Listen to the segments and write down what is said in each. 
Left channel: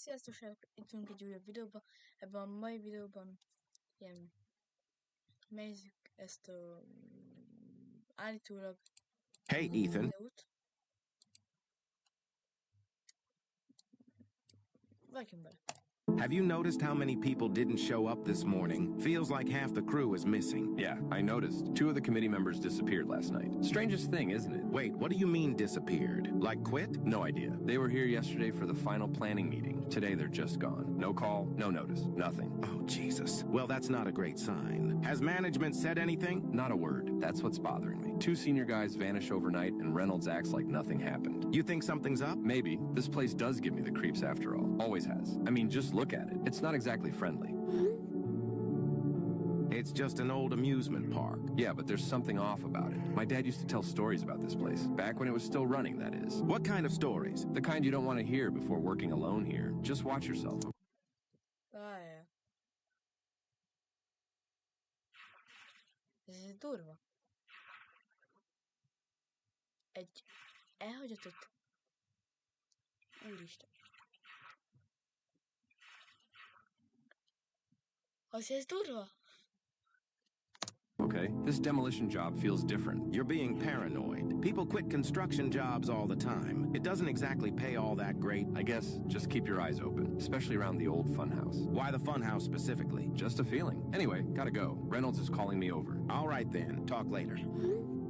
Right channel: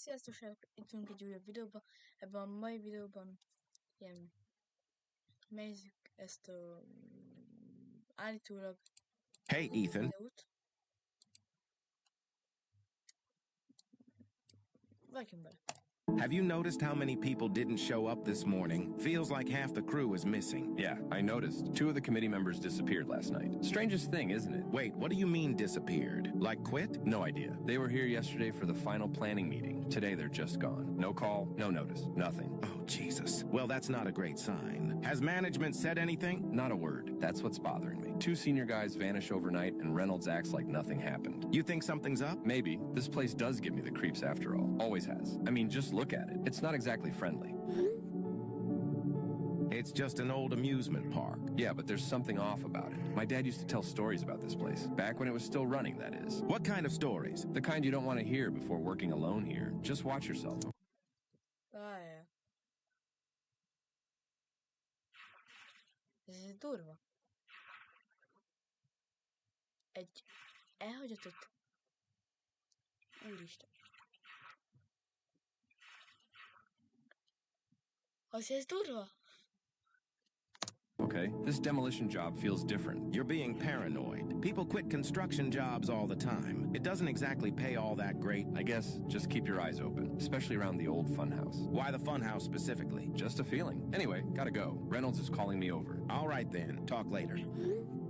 Sziasztok, srácok! Itt vagyunk egy újabb videóban. Ebben a mai videóban ilyen megnézzük ezt a állítólag Hey, Ethan. videót. Vágjunk bele. Have you noticed how many people didn't show up this morning? Feels like half the crew is missing. Yeah, I noticed. 2 of the committee members disappeared last night. Strangest thing, isn't it? Wait, what do you mean disappeared? Like quit? No idea. They were here yesterday for the final planning meeting. Today they're just gone. No call, no notice, nothing. Oh, Jesus. Well, that's not a great sign. Has management said anything? Not a word. That's what's bothering me. 2 senior guys vanish overnight and Reynolds acts like nothing happened. You think something's up? Maybe. This place does give me the creeps after all. Always has. I mean, just look at it. It's not exactly friendly. It's just an old amusement park. Yeah, but there's something off about it. My dad used to tell stories about this place. Back when it was still running, that is. What kind of stories? The kind you don't want to hear before working alone here. Just watch yourself. Várjál. Ez durva. Egy elhagyatott... Úristen. Az ez durva? Okay, this demolition job feels different. You're being paranoid. People quit construction jobs all the time. It doesn't exactly pay all that great. I guess just keep your eyes open, especially around the old funhouse. Why the funhouse specifically? Just a feeling. Anyway, gotta go. Reynolds is calling me over. All right then, talk later.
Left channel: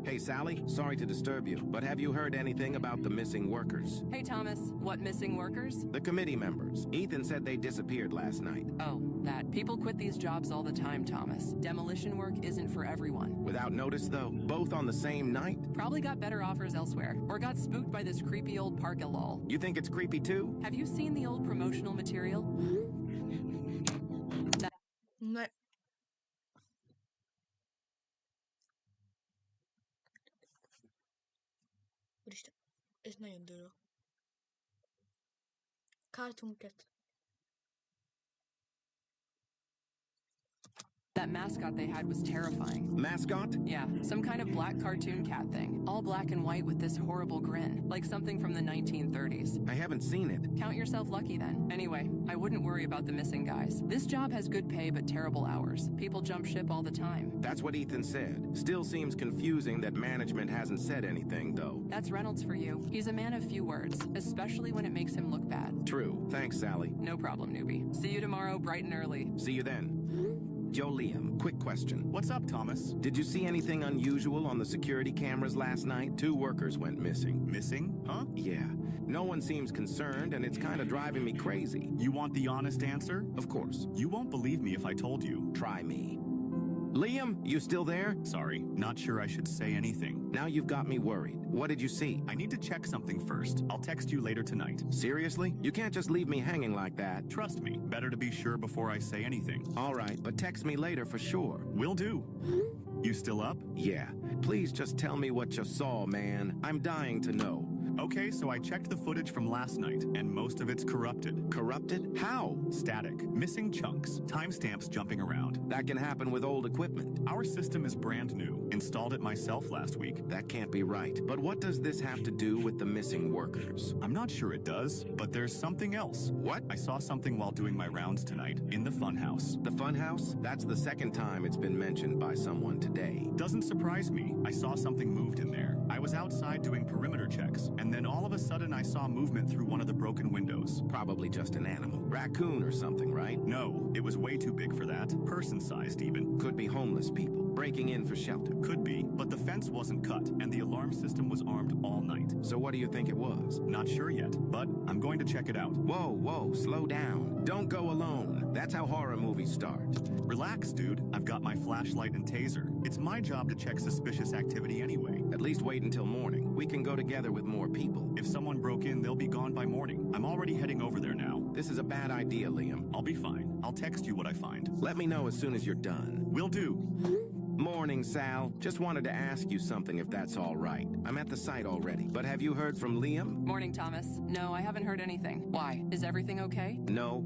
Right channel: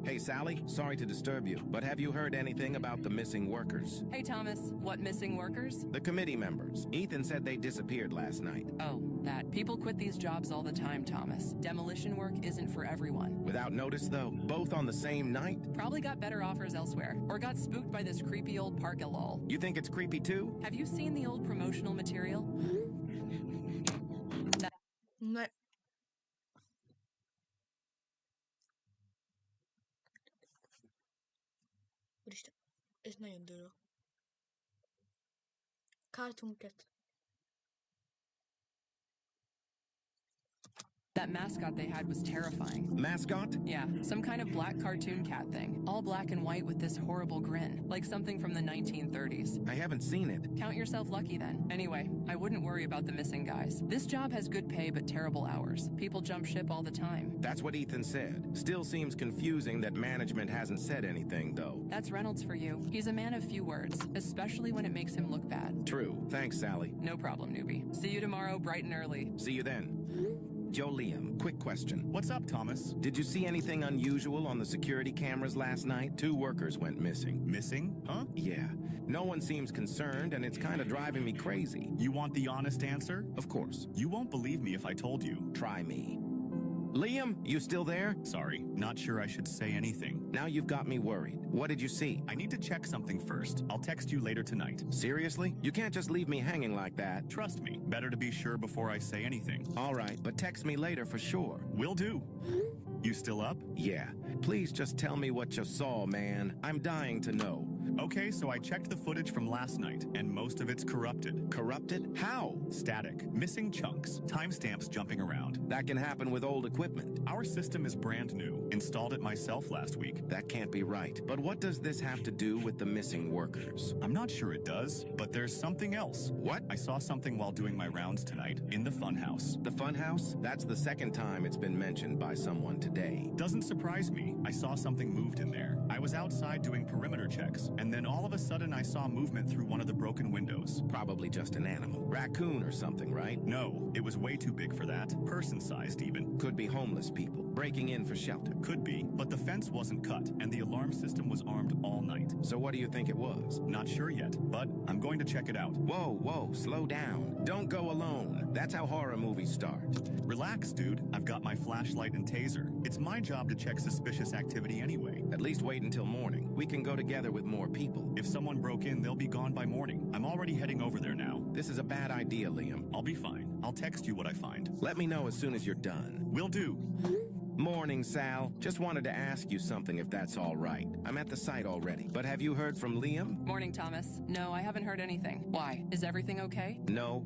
Hey, Sally, sorry to disturb you, but have you heard anything about the missing workers? Hey, Thomas. What missing workers? The committee members. Ethan said they disappeared last night. Oh, that. People quit these jobs all the time, Thomas. Demolition work isn't for everyone. Without notice, though? Both on the same night? Probably got better offers elsewhere, or got spooked by this creepy old park lol. You think it's creepy, too? Have you seen the old promotional material? Ne. Úristen, ez nagyon durva. Cartoon Cat. That mascot they had was terrifying. Mascot? Yeah, some kind of black cartoon cat thing. All black and white with this horrible grin, like something from the 1930s. I haven't seen it. Count yourself lucky then. Anyway, I wouldn't worry about the missing guys. This job has good pay but terrible hours. People jump ship all the time. That's what Ethan said. Still seems confusing that management hasn't said anything, though. That's Reynolds for you. He's a man of few words, especially when it makes him look bad. True. Thanks, Sally. No problem, newbie. See you tomorrow bright and early. See you then. Joe Liam, quick question. What's up, Thomas? Did you see anything unusual on the security cameras last night? 2 workers went missing. Missing? Huh? Yeah. No one seems concerned, and it's kind of driving me crazy. You want the honest answer? Of course. You won't believe me if I told you. Try me. Liam, you still there? Sorry, not sure I should say anything. Now you've got me worried. What did you see? I need to check something first. I'll text you later tonight. Seriously? You can't just leave me hanging like that. Trust me, better to be sure before I say anything. All right, but text me later for sure. Will do. You still up? Yeah. Please just tell me what you saw, man. I'm dying to know. Okay, so I checked the footage from last night, and most of it's corrupted. Corrupted? How? Static. Missing chunks. Timestamps jumping around. That can happen with old equipment. Our system is brand new. Installed it myself last week. That can't be right. But what does this have to do with the missing workers? I'm not sure it does, but there's something else. What? I saw something while doing my rounds tonight in the funhouse. The funhouse? That's the second time it's been mentioned by someone today. Doesn't surprise me. I saw something moved in there. I was outside doing perimeter checks, and then all of a sudden I saw movement through one of the broken windows. Probably just an animal. Raccoon or something, right? No, it was way too big for that. Person-sized even. Could be homeless people breaking in for shelter. Could be, but the fence wasn't cut, and the alarm system was armed all night. So what do you think it was? Not sure yet, but I'm going to check it out. Whoa, slow down. Don't go alone. That's how horror movies start. Relax, dude. I've got my flashlight and taser. It's my job to check suspicious activity anyway. At least wait until morning. We can go together with more people. If someone broke in, they'll be gone by morning. I'm already heading over there now. This is a bad idea, Liam. I'll be fine. I'll text you what I find. Let me know as soon as you're done. Will do. Morning, Sal. Just wanted to ask you something if that's all right. I'm at the site already. But have you heard from Liam? Morning, Thomas. No, I haven't heard anything. Why? Is everything okay? No.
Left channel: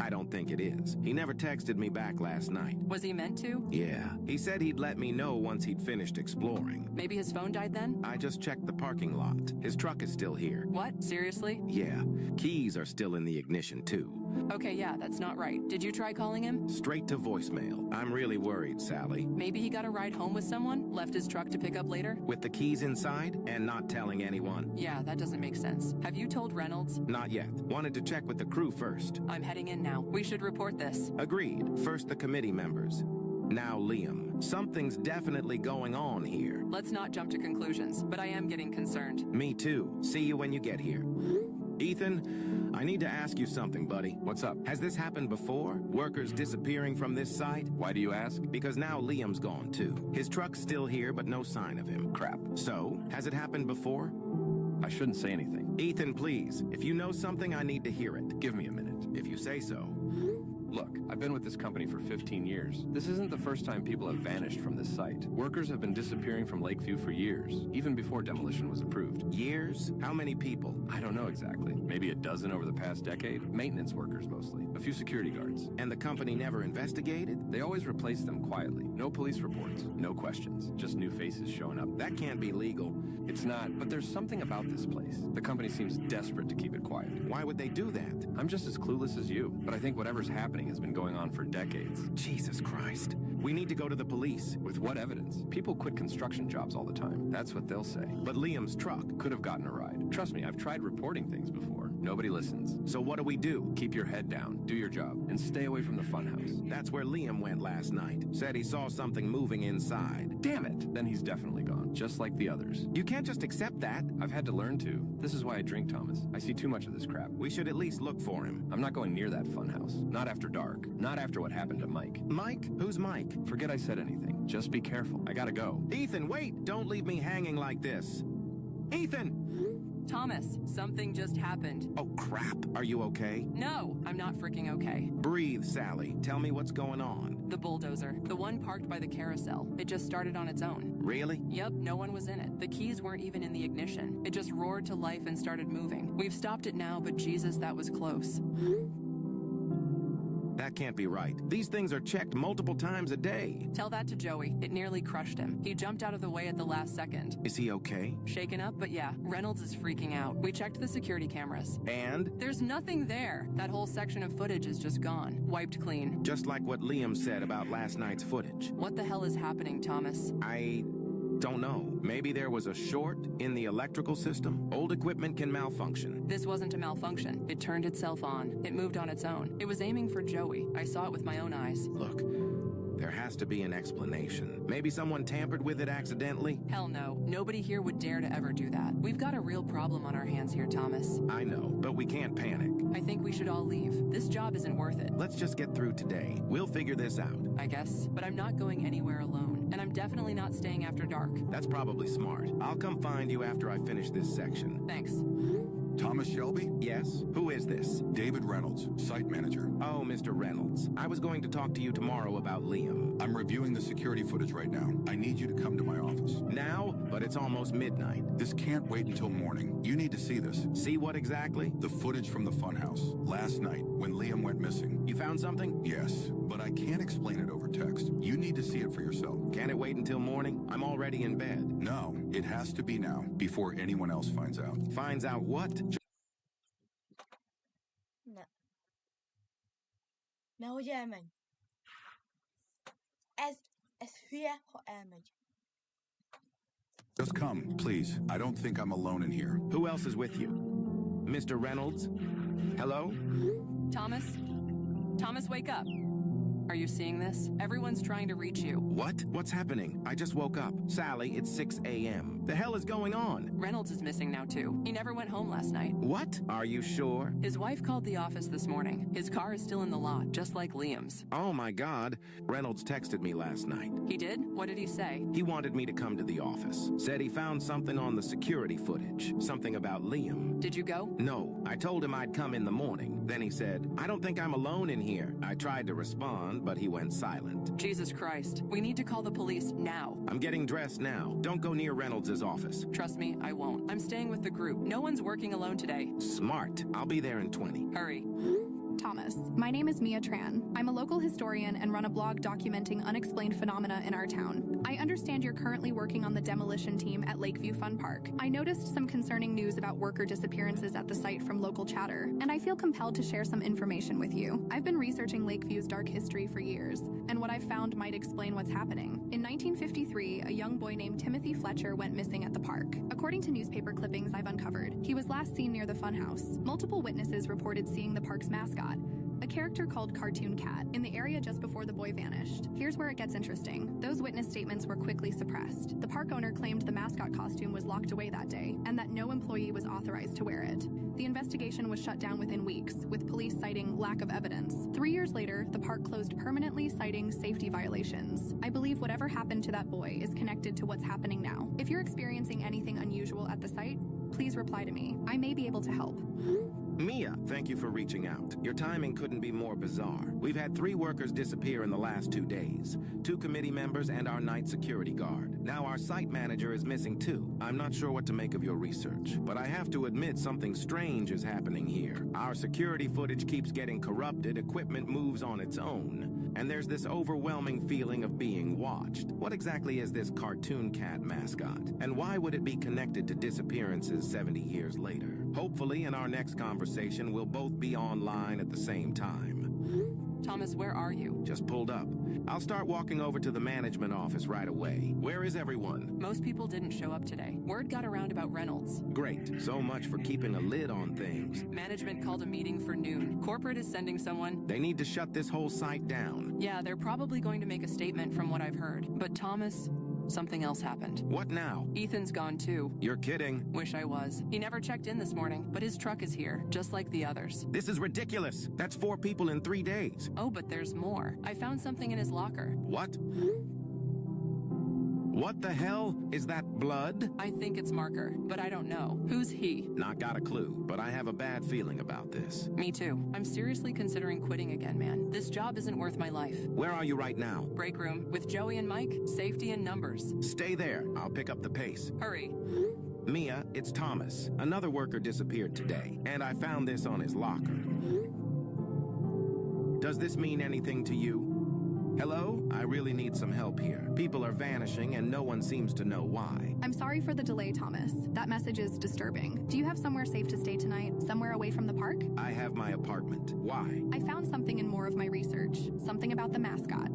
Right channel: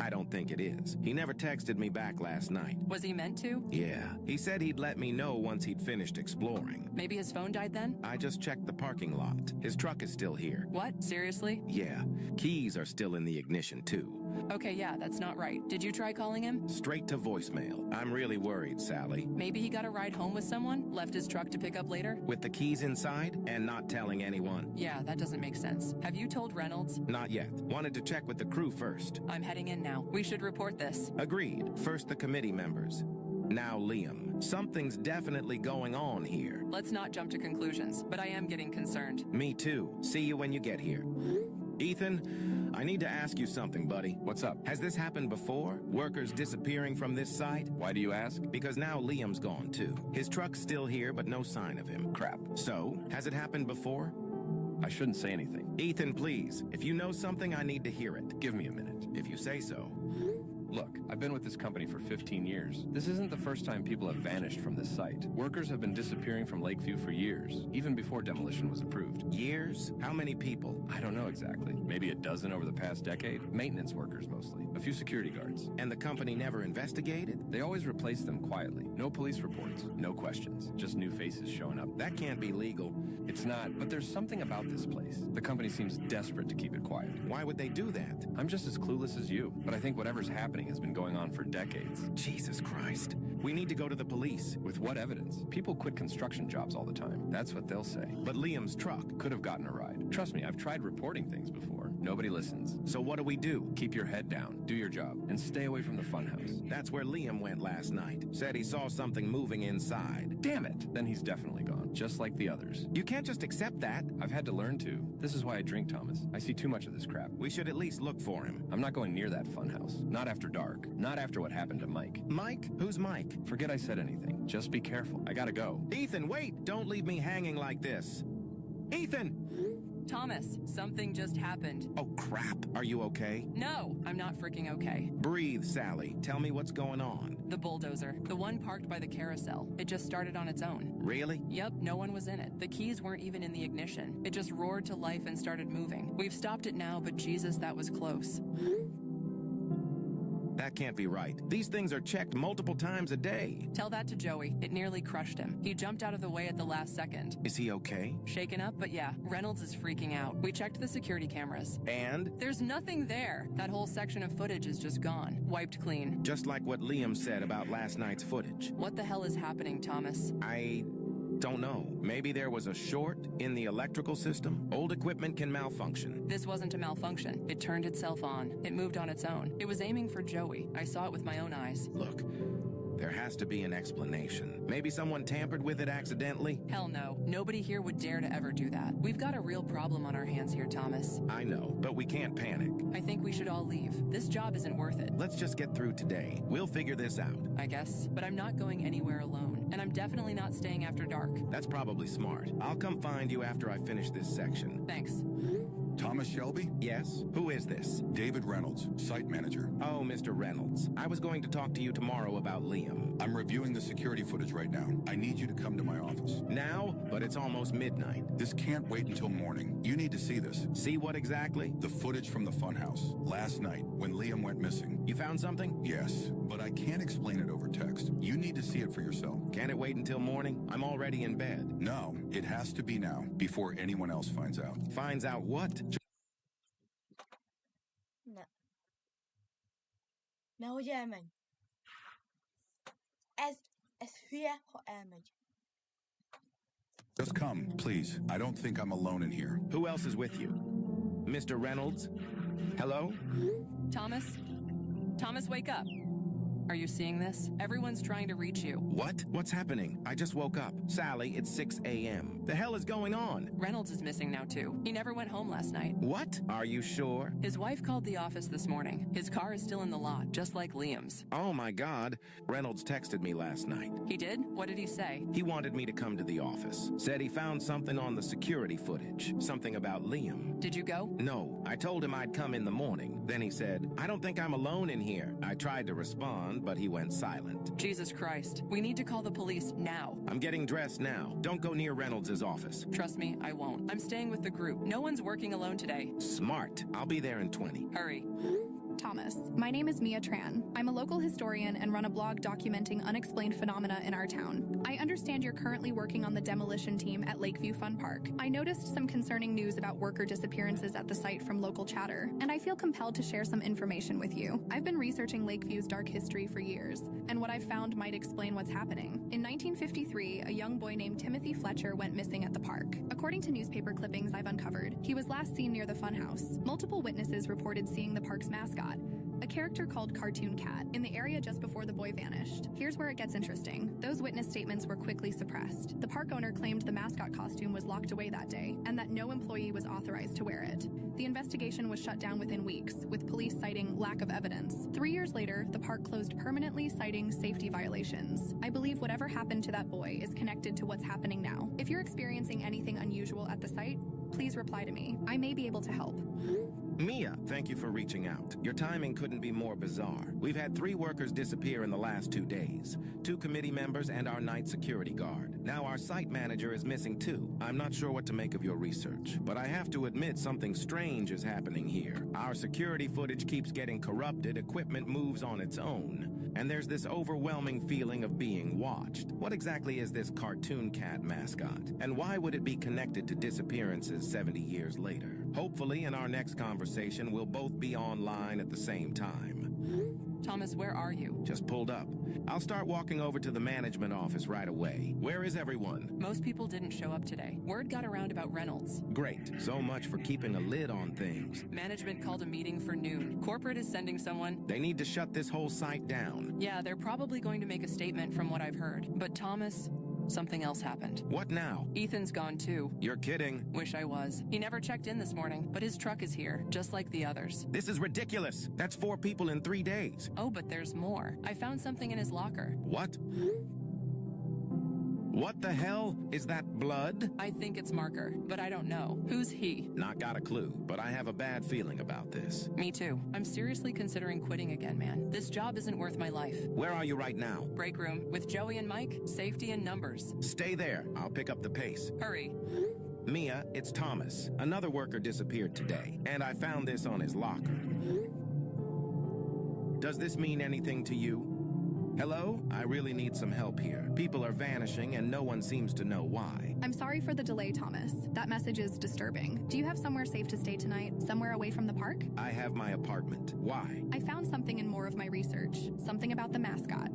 I don't think it is. He never texted me back last night. Was he meant to? Yeah, he said he'd let me know once he'd finished exploring. Maybe his phone died then? I just checked the parking lot. His truck is still here. What? Seriously? Yeah, keys are still in the ignition too. Okay, yeah, that's not right. Did you try calling him? Straight to voicemail. I'm really worried, Sally. Maybe he got a ride home with someone, left his truck to pick up later? With the keys inside and not telling anyone? Yeah, that doesn't make sense. Have you told Reynolds? Not yet. Wanted to check with the crew first. I'm heading in now. We should report this. Agreed. First the committee members. Now Liam. Something's definitely going on here. Let's not jump to conclusions, but I am getting concerned. Me too. See you when you get here. Ethan, I need to ask you something, buddy. What's up? Has this happened before? Workers disappearing from this site? Why do you ask? Because now Liam's gone too. His truck's still here, but no sign of him. Crap. So, has it happened before? I shouldn't say anything. Ethan, please. If you know something, I need to hear it. Give me a minute. If you say so. Look, I've been with this company for 15 years. This isn't the first time people have vanished from this site. Workers have been disappearing from Lakeview for years, even before demolition was approved. Years? How many people? I don't know exactly. Maybe a dozen over the past decade. Maintenance workers mostly. A few security guards. And the company never investigated? They always replace them quietly. No police reports. No questions. Just new faces showing up. That can't be legal. It's not, but there's something about this place. The company seems desperate to keep it quiet. Why would they do that? I'm just as clueless as you, but I think whatever's happening has been going on for decades. Jesus Christ. We need to go to the police. With what evidence? People quit construction jobs all the time. That's what they'll say. But Liam's truck Could have gotten a ride. Trust me, I've tried reporting things before. Nobody listens. So what do we do? Keep your head down, do your job, and stay away from the funhouse. That's where Liam went last night. Said he saw something moving inside. Damn it! Then he's definitely gone, just like the others. You can't just accept that. I've had to learn to. This is why I drink, Thomas. I see too much of this crap. We should at least look for him. I'm not going near that funhouse. Not after dark. Not after what happened to Mike. Mike? Who's Mike? Forget I said anything. Just be careful. I gotta go. Ethan, wait! Don't leave me hanging like this. Ethan! Thomas, something just happened. Oh, crap. Are you okay? No, I'm not freaking okay. Breathe, Sally. Tell me what's going on. The bulldozer, the one parked by the carousel, it just started on its own. Really? Yep, no one was in it. The keys weren't even in the ignition. It just roared to life and started moving. We've stopped it now, but Jesus, that was close. That can't be right. These things are checked multiple times a day. Tell that to Joey. It nearly crushed him. He jumped out of the way at the last second. Is he okay? Shaken up, but yeah, Reynolds is freaking out. We checked the security cameras. And? There's nothing there. That whole section of footage is just gone. Wiped clean. Just like what Liam said about last night's footage. What the hell is happening, Thomas? I don't know. Maybe there was a short in the electrical system. Old equipment can malfunction. This wasn't a malfunction. It turned itself on. It moved on its own. It was aiming for Joey. I saw it with my own eyes. Look, there has to be an explanation. Maybe someone tampered with it accidentally? Hell no. Nobody here would dare to ever do that. We've got a real problem on our hands here, Thomas. I know, but we can't panic. I think we should all leave. This job isn't worth it. Let's just get through today. We'll figure this out. I guess. But I'm not going anywhere alone. And I'm definitely not staying after dark. That's probably smart. I'll come find you after I finish this section. Thanks. Thomas Shelby? Yes? Who is this? David Reynolds, site manager. Oh, Mr. Reynolds. I was going to talk to you tomorrow about Liam. I'm reviewing the security footage right now. I need you to come to my office. Now? But it's almost midnight. This can't wait until morning. You need to see this. See what exactly? The footage from the funhouse. Last night, when Liam went missing. You found something? Yes, but I can't explain it over text. You need to see it for yourself. Can it wait until morning? I'm already in bed. No, it has to be now, before anyone else finds out. Finds out what? Ne hogy elmegy? Ez hülye, ha elmegy. Just come, please. I don't think I'm alone in here. Who else is with you? Mr. Reynolds? Hello? Thomas? Thomas, wake up. Are you seeing this? Everyone's trying to reach you. What? What's happening? I just woke up. Sally, it's 6 a.m. The hell is going on? Reynolds is missing now, too. He never went home last night. What? Are you sure? His wife called the office this morning. His car is still in the lot, just like Liam's. Oh my God. Reynolds texted me last night. He did? What did he say? He wanted me to come to the office. Said he found something on the security footage. Something about Liam. Did you go? No. I told him I'd come in the morning. Then he said, I don't think I'm alone in here. I tried to respond, but he went silent. Jesus Christ. We need to call the police now. I'm getting dressed now. Don't go near Reynolds' office. Trust me, I won't. I'm staying with the group. No one's working alone today. Smart. I'll be there in 20. Hurry. Thomas. My name is Mia Tran. I'm a local historian and run a blog documenting unexplained phenomena in our town. I understand you're currently working on the demolition team at Lakeview Fun Park. I noticed some concerning news about worker disappearances at the site from local chatter, and I feel compelled to share some information with you. I've been researching Lakeview's dark history for years, and what I've found might explain what's happening. In 1953, a young boy named Timothy Fletcher went missing at the park. According to newspaper clippings I've uncovered, he was last seen near the funhouse. Multiple witnesses reported seeing the park's mascot, a character called Cartoon Cat, in the area just before the boy vanished. Here's where it gets interesting. Those witness statements were quickly suppressed. The park owner claimed the mascot costume was locked away that day, and that no employee was authorized to wear it. The investigation was shut down within weeks, with police citing lack of evidence. 3 years later, the park closed permanently, citing safety violations. I believe whatever happened to that boy is connected to what's happening now. If you're experiencing anything unusual at the site, please reply to me. I may be able to help. Mia, thank you for reaching out. Your timing couldn't be more bizarre. We've had 3 workers disappear in the last 2 days. 2 committee members and our night security guard. Now our site manager is missing too. I'm not sure what to make of your research, but I have to admit something strange is happening here. Our security footage keeps getting corrupted, equipment moves on its own, and there's this overwhelming feeling of being watched. What exactly is this Cartoon Cat mascot? And why would it be connected to disappearances 70 years later? Hopefully in our next conversation we'll both be online at the same time. Thomas, where are you? Just pulled up. I'll start walking over to the management office right away. Where is everyone? Most people didn't show up today. Word got around about Reynolds. Great. So much for keeping a lid on things. Management called a meeting for noon. Corporate is sending someone. They need to shut this whole site down. Yeah, they're probably going to make a statement from what I've heard. But Thomas, something else happened. What now? Ethan's gone too. You're kidding. Wish I was. He never checked in this morning, but his truck is here, just like the others. This is ridiculous. That's 4 people in 3 days. Oh, but there's more. I found something in his locker. What? What the hell? Is that blood? I think it's Marker, but I don't know. Who's he? Not got a clue, but I have a bad feeling about this. Me too. I'm seriously considering quitting again, man. This job isn't worth my life. Where are you right now? Break room. With Joey and Mike, safety in numbers. Stay there. I'll pick up the pace. Hurry. Mia, it's Thomas. Another worker disappeared today, and I found this on his locker. Does this mean anything to you? Hello? I really need some help here. People are vanishing and no one seems to know why. I'm sorry for the delay, Thomas. That message is disturbing. Do you have somewhere safe to stay tonight? Somewhere away from the park? I have my apartment. Why? I found something in more of my research. Something about the mascot.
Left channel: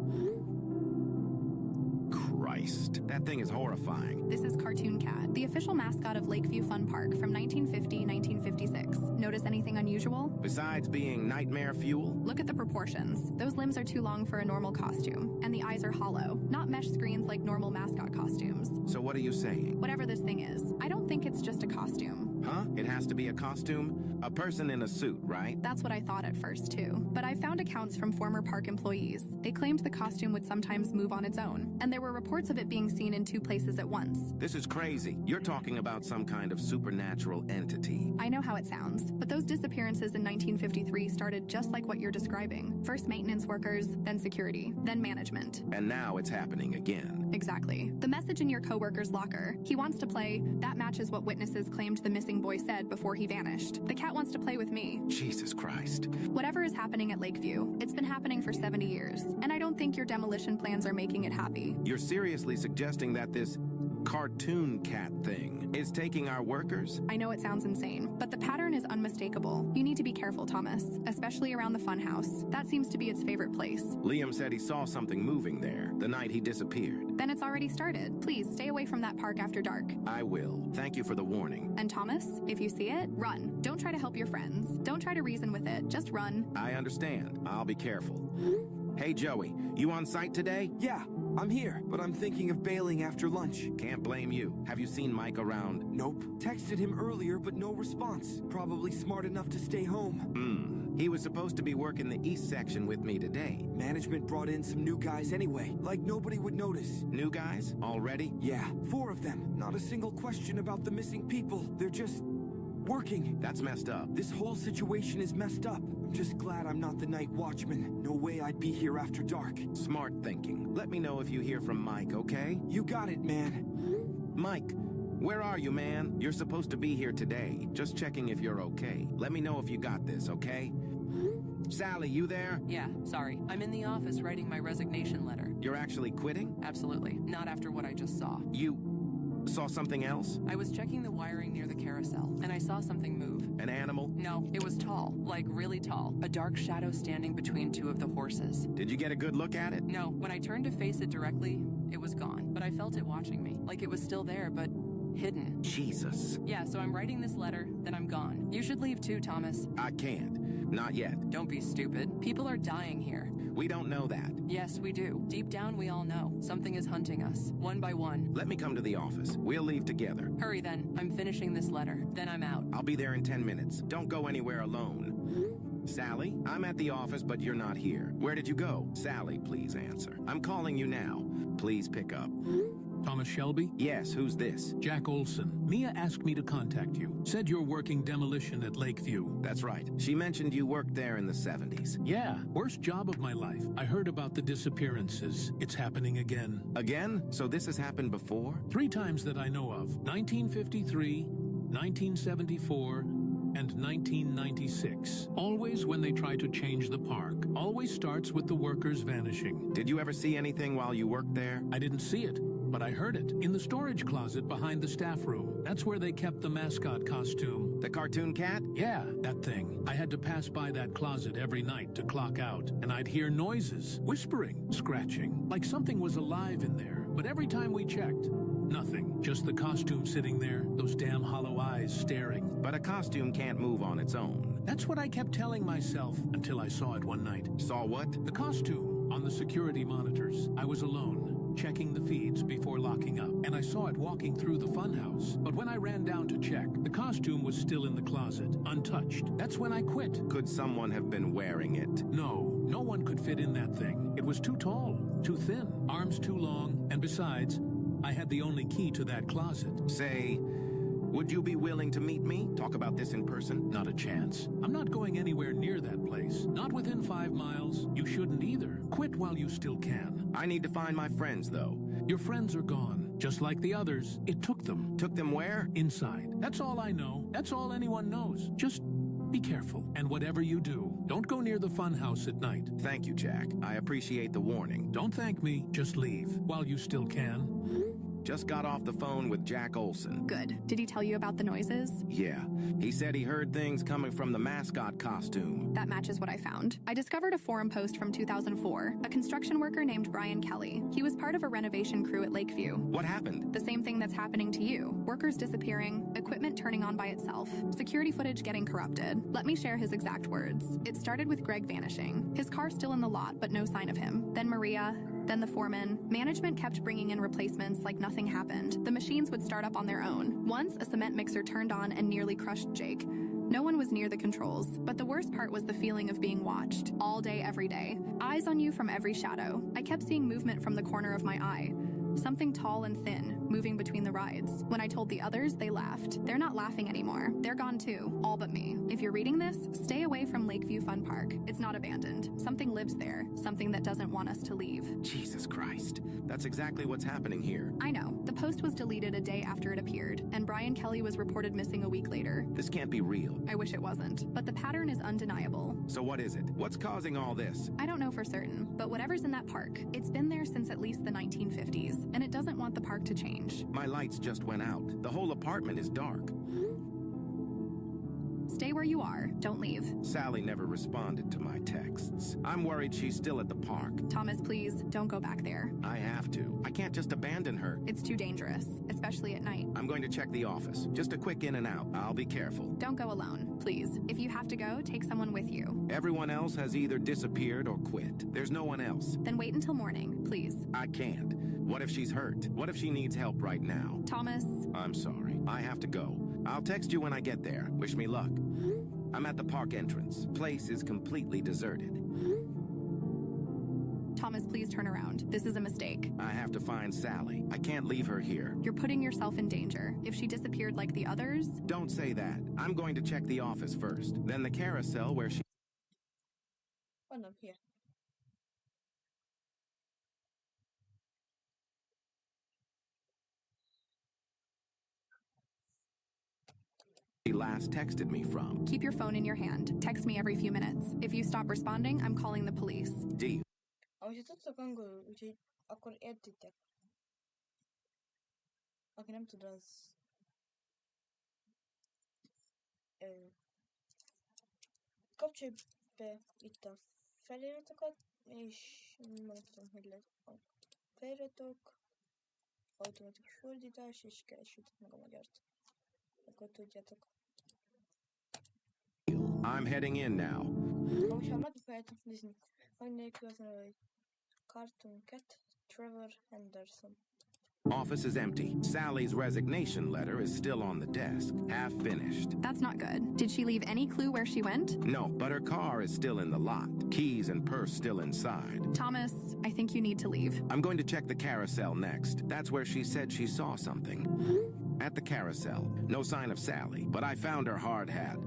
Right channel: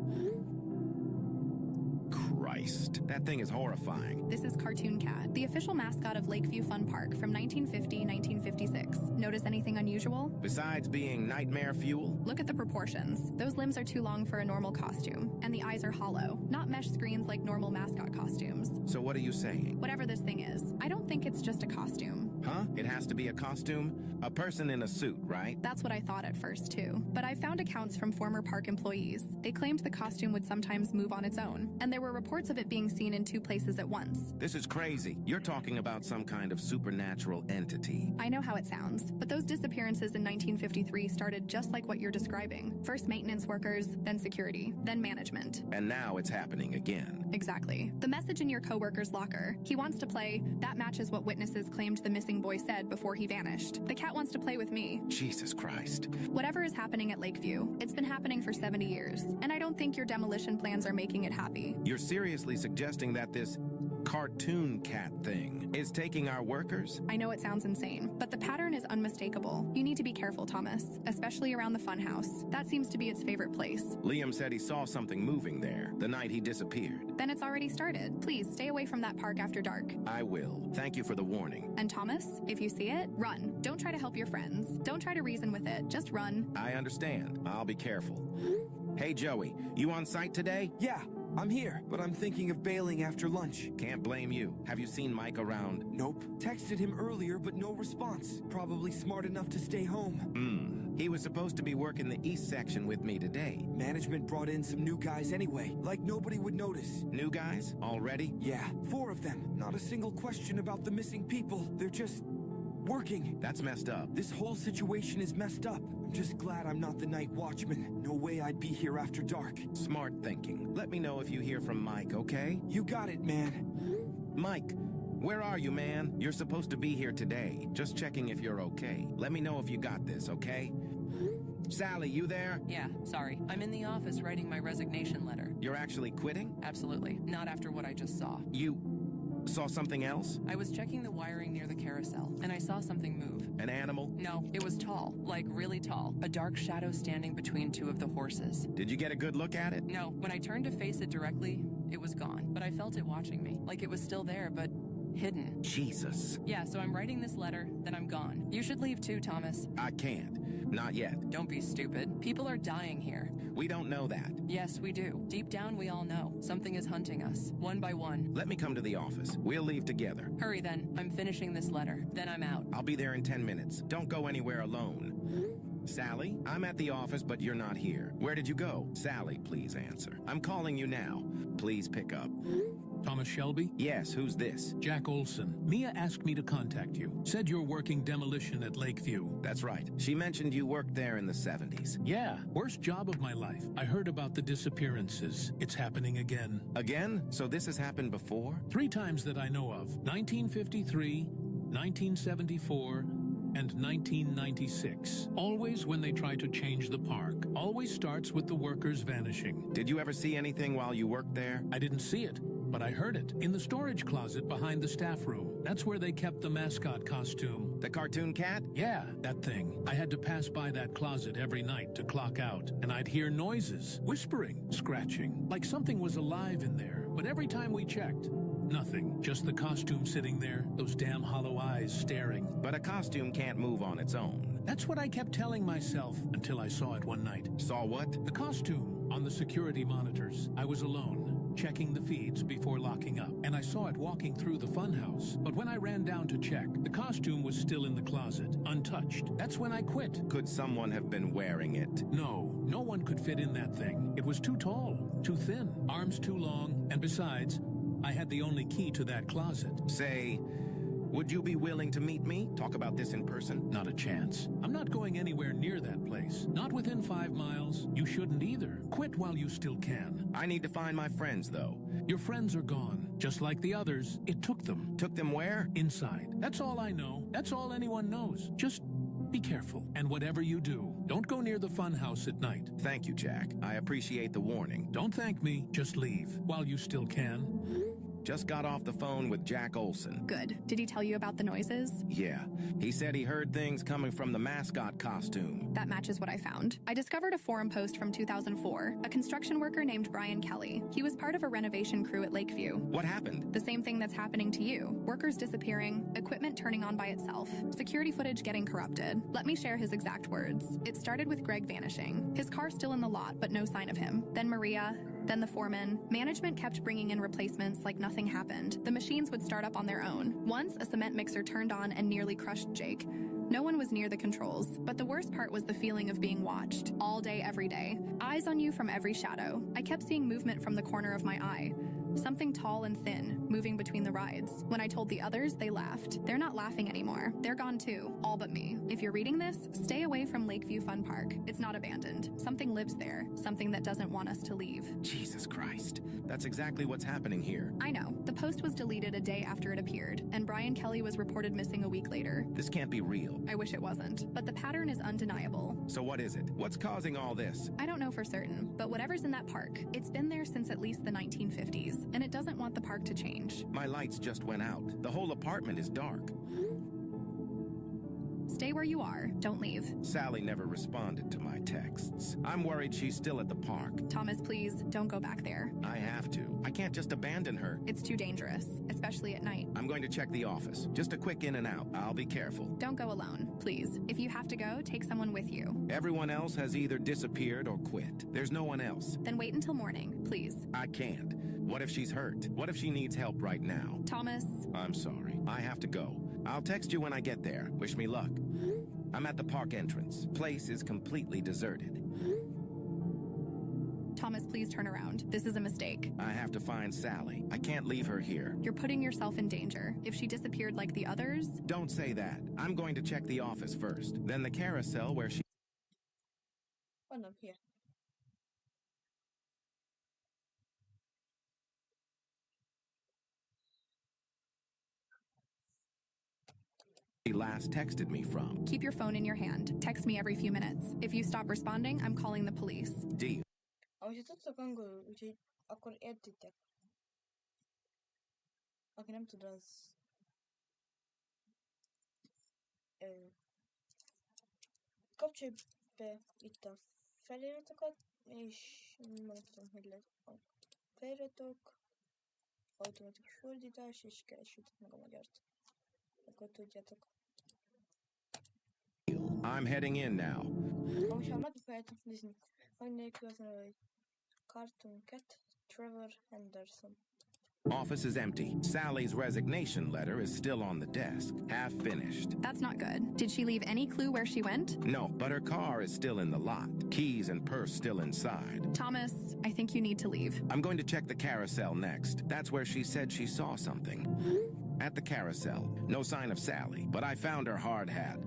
Christ. That thing is horrifying. This is Cartoon Cat, the official mascot of Lakeview Fun Park from 1950-1956. Notice anything unusual? Besides being nightmare fuel? Look at the proportions. Those limbs are too long for a normal costume, and the eyes are hollow, not mesh screens like normal mascot costumes. So what are you saying? Whatever this thing is, I don't think it's just a costume. Huh? It has to be a costume? A person in a suit, right? That's what I thought at first, too. But I found accounts from former park employees. They claimed the costume would sometimes move on its own, and there were reports of it being seen in 2 places at once. This is crazy. You're talking about some kind of supernatural entity. I know how it sounds, but those disappearances in 1953 started just like what you're describing. First maintenance workers, then security, then management. And now it's happening again. Exactly. The message in your coworker's locker. He wants to play, that matches what witnesses claimed the missing boy said before he vanished. The cat wants to play with me. Jesus Christ. Whatever is happening at Lakeview, it's been happening for 70 years, and I don't think your demolition plans are making it happy. You're seriously suggesting that this Cartoon Cat thing is taking our workers? I know it sounds insane, but the pattern is unmistakable. You need to be careful, Thomas, especially around the funhouse. That seems to be its favorite place. Liam said he saw something moving there the night he disappeared. Then it's already started. Please stay away from that park after dark. I will. Thank you for the warning. And Thomas, if you see it, run. Don't try to help your friends. Don't try to reason with it. Just run. I understand. I'll be careful. Hey, Joey, you on site today? Yeah, I'm here, but I'm thinking of bailing after lunch. Can't blame you. Have you seen Mike around? Nope. Texted him earlier, but no response. Probably smart enough to stay home. He was supposed to be working the east section with me today. Management brought in some new guys anyway, like nobody would notice. New guys? Already? Yeah, 4 of them. Not a single question about the missing people. They're just working. That's messed up. This whole situation is messed up. I'm just glad I'm not the night watchman. No way I'd be here after dark. Smart thinking. Let me know if you hear from Mike, okay? You got it, man. Mike, where are you, man? You're supposed to be here today. Just checking if you're okay. Let me know if you got this, okay? Sally, you there? Yeah, sorry. I'm in the office writing my resignation letter. You're actually quitting? Absolutely. Not after what I just saw. You saw something else? I was checking the wiring near the carousel, and I saw something move. An animal? No, it was tall. Like, really tall. A dark shadow standing between two of the horses. Did you get a good look at it? No, when I turned to face it directly, it was gone. But I felt it watching me. Like it was still there, but hidden. Jesus. Yeah, so I'm writing this letter, then I'm gone. You should leave too, Thomas. I can't. Not yet. Don't be stupid. People are dying here. We don't know that. Yes, we do. Deep down, we all know. Something is hunting us, one by one. Let me come to the office. We'll leave together. Hurry then. I'm finishing this letter. Then I'm out. I'll be there in 10 minutes. Don't go anywhere alone. Sally, I'm at the office, but you're not here. Where did you go? Sally, please answer. I'm calling you now. Please pick up. Thomas Shelby? Yes, who's this? Jack Olson. Mia asked me to contact you. Said you're working demolition at Lakeview. That's right. She mentioned you worked there in the 70s. Yeah, worst job of my life. I heard about the disappearances. It's happening again. Again? So this has happened before? 3 times that I know of. 1953, 1974, and 1996. Always when they try to change the park. Always starts with the workers vanishing. Did you ever see anything while you worked there? I didn't see it, but I heard it. In the storage closet behind the staff room. That's where they kept the mascot costume. The cartoon cat? Yeah, that thing. I had to pass by that closet every night to clock out, and I'd hear noises, whispering, scratching, like something was alive in there. But every time we checked, nothing. Just the costume sitting there, those damn hollow eyes staring. But a costume can't move on its own. That's what I kept telling myself until I saw it one night. Saw what? The costume on the security monitors. I was alone, checking the feeds before locking up, and I saw it walking through the funhouse. But when I ran down to check, the costume was still in the closet, untouched. That's when I quit. Could someone have been wearing it? No, no one could fit in that thing. It was too tall, too thin, arms too long, and besides, I had the only key to that closet. Say, would you be willing to meet me? Talk about this in person? Not a chance. I'm not going anywhere near that place. Not within 5 miles. You shouldn't either. Quit while you still can. I need to find my friends, though. Your friends are gone. Just like the others, it took them. Took them where? Inside. That's all I know. That's all anyone knows. Just be careful. And whatever you do, don't go near the funhouse at night. Thank you, Jack. I appreciate the warning. Don't thank me. Just leave while you still can. Just got off the phone with Jack Olson. Good. Did he tell you about the noises? Yeah. He said he heard things coming from the mascot costume. That matches what I found. I discovered a forum post from 2004. A construction worker named Brian Kelly. He was part of a renovation crew at Lakeview. What happened? The same thing that's happening to you. Workers disappearing, equipment turning on by itself, security footage getting corrupted. Let me share his exact words. It started with Greg vanishing. His car still in the lot, but no sign of him. Then Maria, then the foreman. Management kept bringing in replacements like nothing happened. The machines would start up on their own. Once, a cement mixer turned on and nearly crushed Jake. No one was near the controls, but the worst part was the feeling of being watched. All day, every day. Eyes on you from every shadow. I kept seeing movement from the corner of my eye. Something tall and thin, moving between the rides. When I told the others, they laughed. They're not laughing anymore. They're gone too. All but me. If you're reading this, stay away from Lakeview Fun Park. It's not abandoned. Something lives there. Something that doesn't want us to leave. Jesus Christ. That's exactly what's happening here. I know. The post was deleted a day after it appeared, and Brian Kelly was reported missing a week later. This can't be real. I wish it wasn't. But the pattern is undeniable. So what is it? What's causing all this? I don't know for certain, but whatever's in that park, it's been there since at least the 1950s, and it doesn't want the park to change. My lights just went out. The whole apartment is dark. Stay where you are. Don't leave. Sally never responded to my texts. I'm worried she's still at the park. Thomas, please, don't go back there. I have to. I can't just abandon her. It's too dangerous, especially at night. I'm going to check the office. Just a quick in and out. I'll be careful. Don't go alone, please. If you have to go, take someone with you. Everyone else has either disappeared or quit. There's no one else. Then wait until morning, please. I can't. What if she's hurt? What if she needs help right now? Thomas. I'm sorry. I have to go. I'll text you when I get there. Wish me luck. I'm at the park entrance. Place is completely deserted. Thomas, please turn around. This is a mistake. I have to find Sally. I can't leave her here. You're putting yourself in danger. If she disappeared like the others... Don't say that. I'm going to check the office first. Then the carousel where she... Hold up here. he last texted me from. Keep your phone in your hand. Text me every few minutes. If you stop responding, I'm calling the police. Deal. Amúgy tudtok angolul, úgyhogy akkor értitek. Aki nem tud, az... Kapcsolj be itt a feliratokat, és mondtam, hogy lesz a feliratok, automatikus fordítás, és keresítek meg a magyart. Akkor tudjátok. I'm heading in now. Amúgy ha meg akarjátok nézni, hogy nélkül az neve, hogy Cartoon Cat, Trevor Henderson. Office is empty. Sally's resignation letter is still on the desk, half finished. That's not good. Did she leave any clue where she went? No, but her car is still in the lot. Keys and purse still inside. Thomas, I think you need to leave. I'm going to check the carousel next. That's where she said she saw something. At the carousel, no sign of Sally, but I found her hard hat.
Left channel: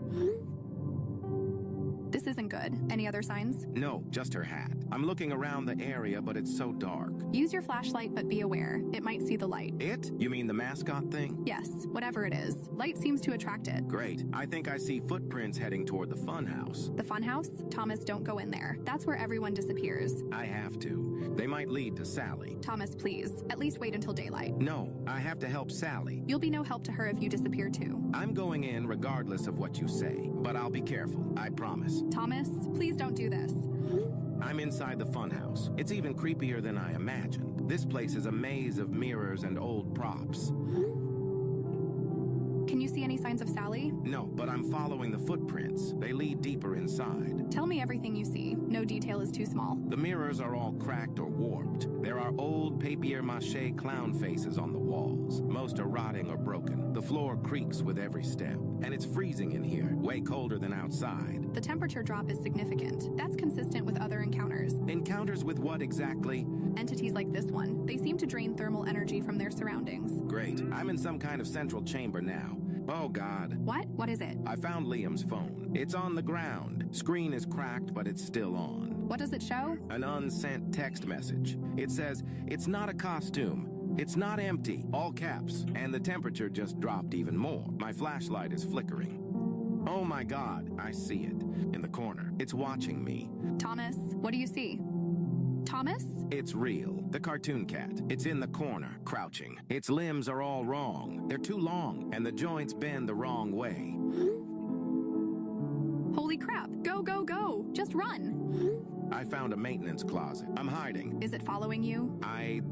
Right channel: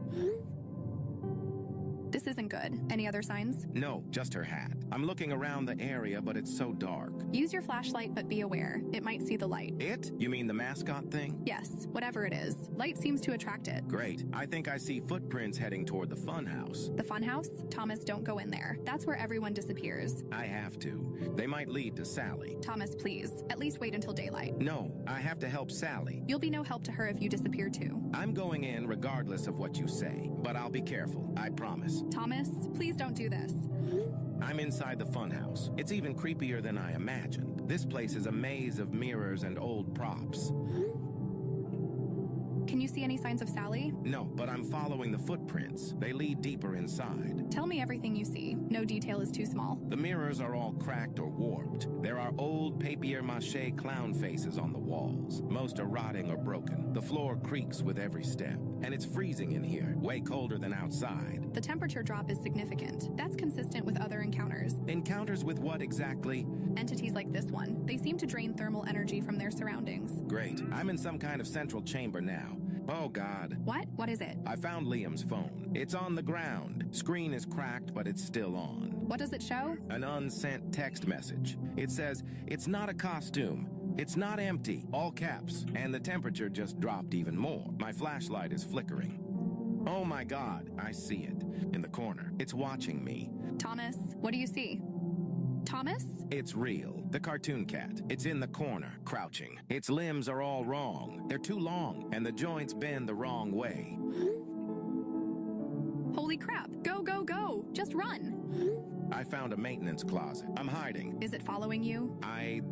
This isn't good. Any other signs? No, just her hat. I'm looking around the area, but it's so dark. Use your flashlight, but be aware. It might see the light. It? You mean the mascot thing? Yes, whatever it is. Light seems to attract it. Great. I think I see footprints heading toward the funhouse. The funhouse? Thomas, don't go in there. That's where everyone disappears. I have to. They might lead to Sally. Thomas, please. At least wait until daylight. No, I have to help Sally. You'll be no help to her if you disappear too. I'm going in regardless of what you say, but I'll be careful. I promise. Thomas, please don't do this. I'm inside the funhouse. It's even creepier than I imagined. This place is a maze of mirrors and old props. Can you see any signs of Sally? No, but I'm following the footprints. They lead deeper inside. Tell me everything you see. No detail is too small. The mirrors are all cracked or warped. There are old papier-mâché clown faces on the walls. Most are rotting or broken. The floor creaks with every step. And it's freezing in here, way colder than outside. The temperature drop is significant. That's consistent with other encounters. Encounters with what exactly? Entities like this one. They seem to drain thermal energy from their surroundings. Great. I'm in some kind of central chamber now. Oh, God. What? What is it? I found Liam's phone. It's on the ground. Screen is cracked, but it's still on. What does it show? An unsent text message. It says, "It's not a costume. It's not empty." All caps. And the temperature just dropped even more. My flashlight is flickering. Oh my God, I see it. In the corner. It's watching me. Thomas, what do you see? Thomas? It's real. The cartoon cat. It's in the corner, crouching. Its limbs are all wrong. They're too long, and the joints bend the wrong way. Holy crap. Go, go, go. Just run. I found a maintenance closet. I'm hiding. Is it following you? I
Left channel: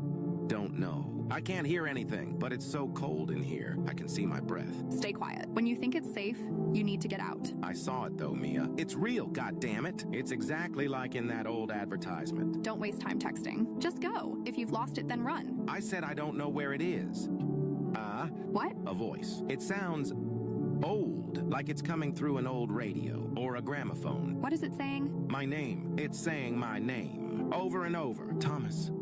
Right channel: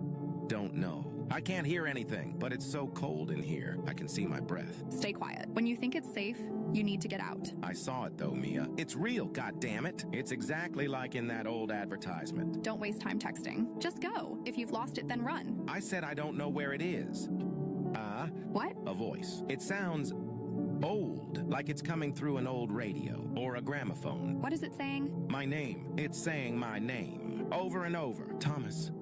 don't know. I can't hear anything, but it's so cold in here. I can see my breath. Stay quiet. When you think it's safe, you need to get out. I saw it though, Mia. It's real, goddammit. It's exactly like in that old advertisement. Don't waste time texting. Just go. If you've lost it, then run. I said I don't know where it is. What? A voice. It sounds old, like it's coming through an old radio or a gramophone. What is it saying? My name. It's saying my name. Over and over. Thomas.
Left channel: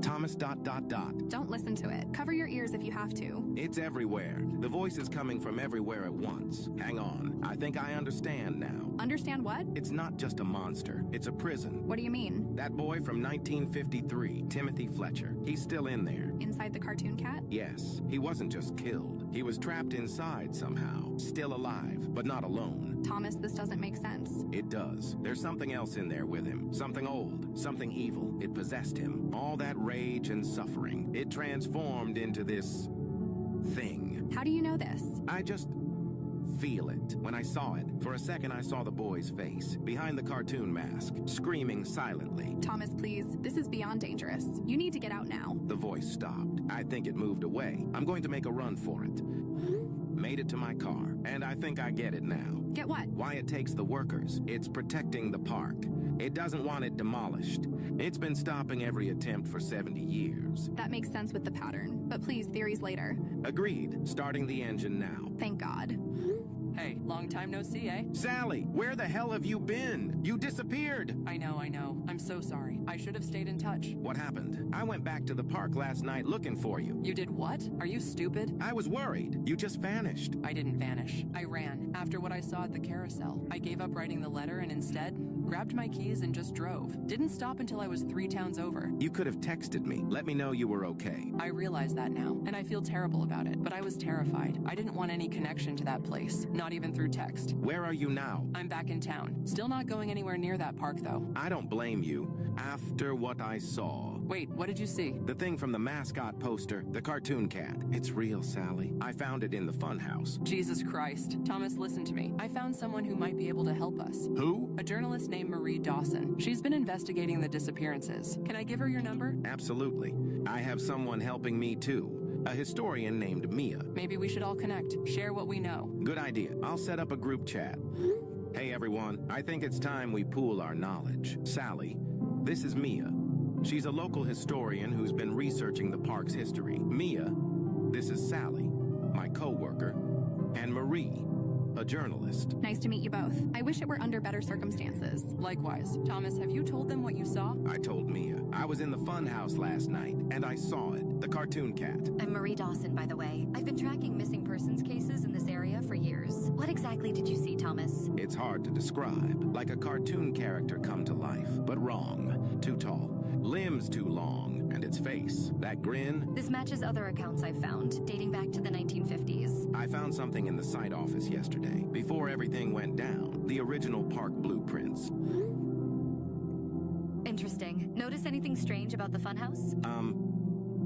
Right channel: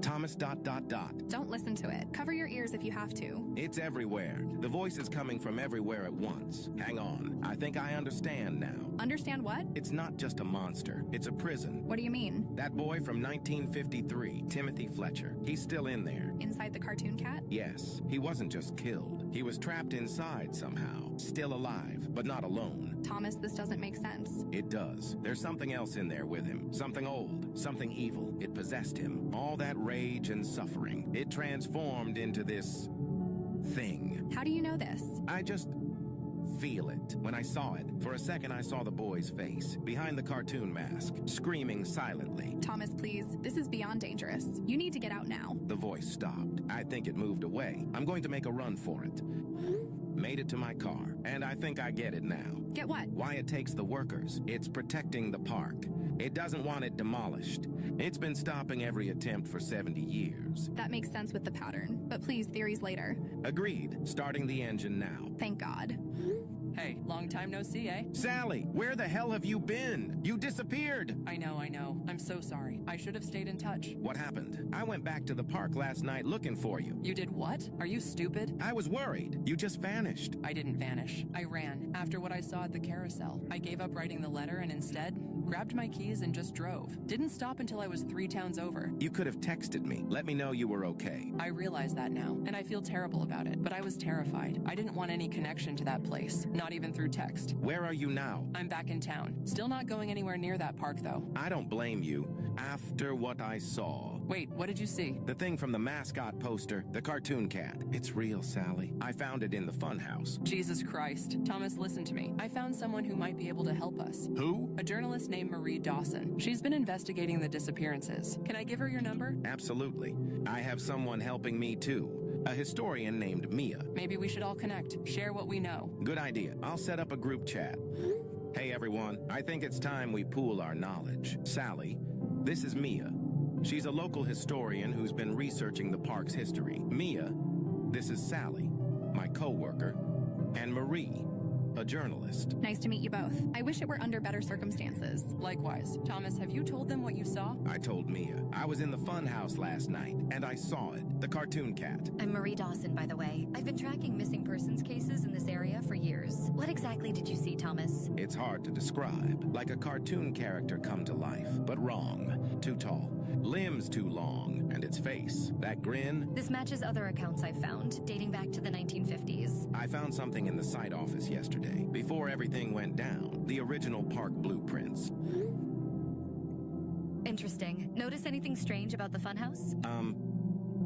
Thomas ... Don't listen to it. Cover your ears if you have to. It's everywhere. The voice is coming from everywhere at once. Hang on. I think I understand now. Understand what? It's not just a monster. It's a prison. What do you mean? That boy from 1953, Timothy Fletcher. He's still in there. Inside the cartoon cat? Yes. He wasn't just killed. He was trapped inside somehow. Still alive, but not alone. Thomas, this doesn't make sense. It does. There's something else in there with him. Something old. Something evil. It possessed him. All that rage and suffering. It transformed into this thing. How do you know this? I just feel it. When I saw it, for a second I saw the boy's face, behind the cartoon mask, screaming silently. Thomas, please. This is beyond dangerous. You need to get out now. The voice stopped. I think it moved away. I'm going to make a run for it. Made it to my car, and I think I get it now. Get what? Why it takes the workers. It's protecting the park. It doesn't want it demolished. It's been stopping every attempt for 70 years. That makes sense with the pattern, but please, theories later. Agreed. Starting the engine now. Thank God. Hey, long time no see, eh? Sally, where the hell have you been? You disappeared. I know. I'm so sorry. I should have stayed in touch. What happened? I went back to the park last night looking for you. You did what? Are you stupid? I was worried. You just vanished. I didn't vanish. I ran. After what I saw at the carousel, I gave up writing the letter and instead grabbed my keys and just drove. Didn't stop until I was 3 towns over. You could have texted me. Let me know you were okay. I realize that now, and I feel terrible about it, but I was terrified. I didn't want any connection to that place, not even through text. Where are you now? I'm back in town. Still not going anywhere near that park, though. I don't blame you. After what I saw. Wait, what did you see? The thing from the mascot poster, the cartoon cat. It's real, Sally. I found it in the funhouse. Jesus Christ. Thomas, listen to me. I found someone who might be able to help us. Who? A journalist named Marie Dawson. She's been investigating the disappearances. Can I give her your number? Absolutely. I have someone helping me too. A historian named Mia. Maybe we should all connect. Share what we know. Good idea. I'll set up a group chat. Hey everyone, I think it's time we pool our knowledge. Sally, this is Mia. She's a local historian who's been researching the park's history. Mia, this is Sally, my co-worker, and Marie, a journalist. Nice to meet you both. I wish it were under better circumstances. Likewise. Thomas, have you told them what you saw? I told Mia. I was in the funhouse last night, and I saw it, the cartoon cat. I'm Marie Dawson, by the way. I've been tracking missing persons cases in this area for years. What exactly did you see, Thomas? It's hard to describe. Like a cartoon character come to life, but wrong. Too tall. Limbs too long, and its face. That grin. This matches other accounts I've found, dating back to the 1950s. I found something in the site office yesterday, before everything went down. The original park blueprints. Interesting. Notice anything strange about the funhouse?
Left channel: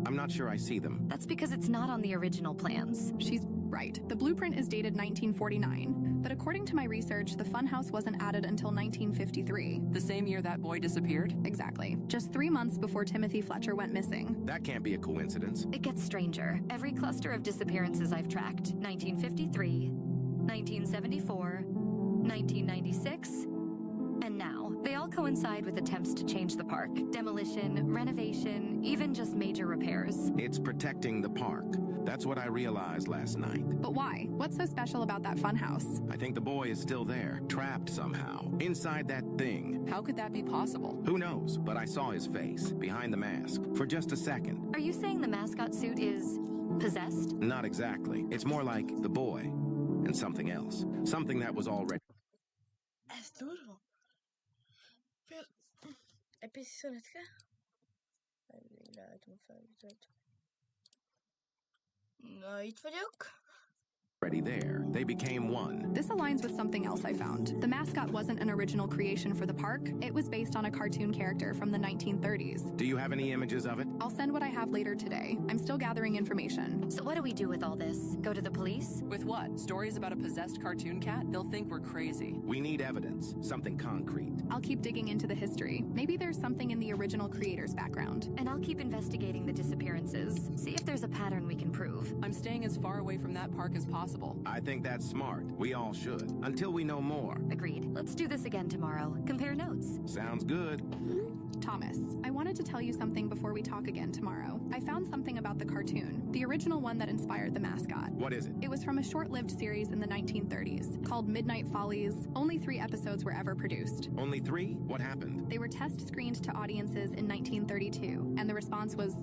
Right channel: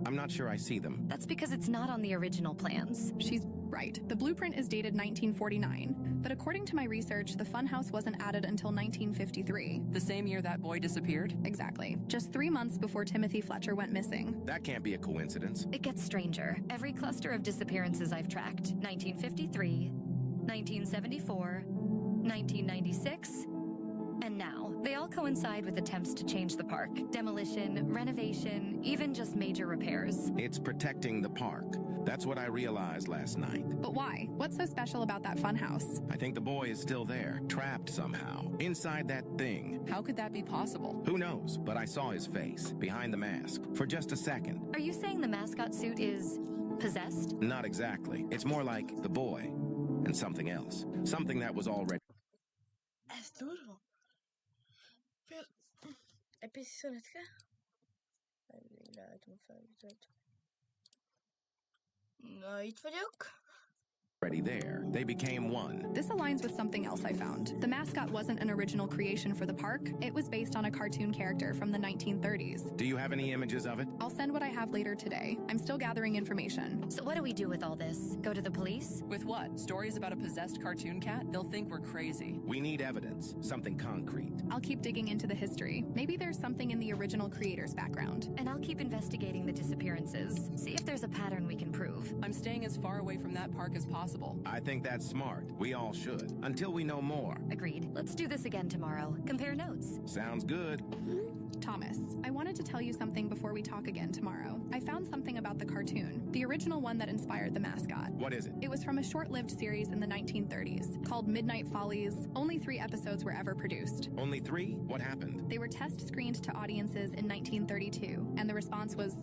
I'm not sure I see them. That's because it's not on the original plans. She's right. The blueprint is dated 1949, but according to my research, the funhouse wasn't added until 1953. The same year that boy disappeared? Exactly. Just 3 months before Timothy Fletcher went missing. That can't be a coincidence. It gets stranger. Every cluster of disappearances I've tracked, 1953, 1974, 1996, and now, they all coincide with attempts to change the park. Demolition, renovation, even just major repairs. It's protecting the park. That's what I realized last night. But why? What's so special about that funhouse? I think the boy is still there, trapped somehow, inside that thing. How could that be possible? Who knows? But I saw his face, behind the mask, for just a second. Are you saying the mascot suit is possessed? Not exactly. It's more like the boy and something else. Something that was already... Ez durva. Egy pici szünetke. Elég ráálltam a felvételt. Na, itt vagyok. already there. They became one. This aligns with something else I found. The mascot wasn't an original creation for the park. It was based on a cartoon character from the 1930s. Do you have any images of it? I'll send what I have later today. I'm still gathering information. So what do we do with all this? Go to the police? With what? Stories about a possessed cartoon cat? They'll think we're crazy. We need evidence, something concrete. I'll keep digging into the history. Maybe there's something in the original creator's background. And I'll keep investigating the disappearances. See if there's a pattern we can prove. I'm staying as far away from that park as possible. I think that's smart. We all should. Until we know more. Agreed. Let's do this again tomorrow. Compare notes. Sounds good. Thomas, I wanted to tell you something before we talk again tomorrow. I found something about the cartoon, the original one that inspired the mascot. What is it? It was from a short-lived series in the 1930s called Midnight Follies. Only 3 episodes were ever produced. Only 3? What happened? They were test-screened to audiences in 1932, and the response was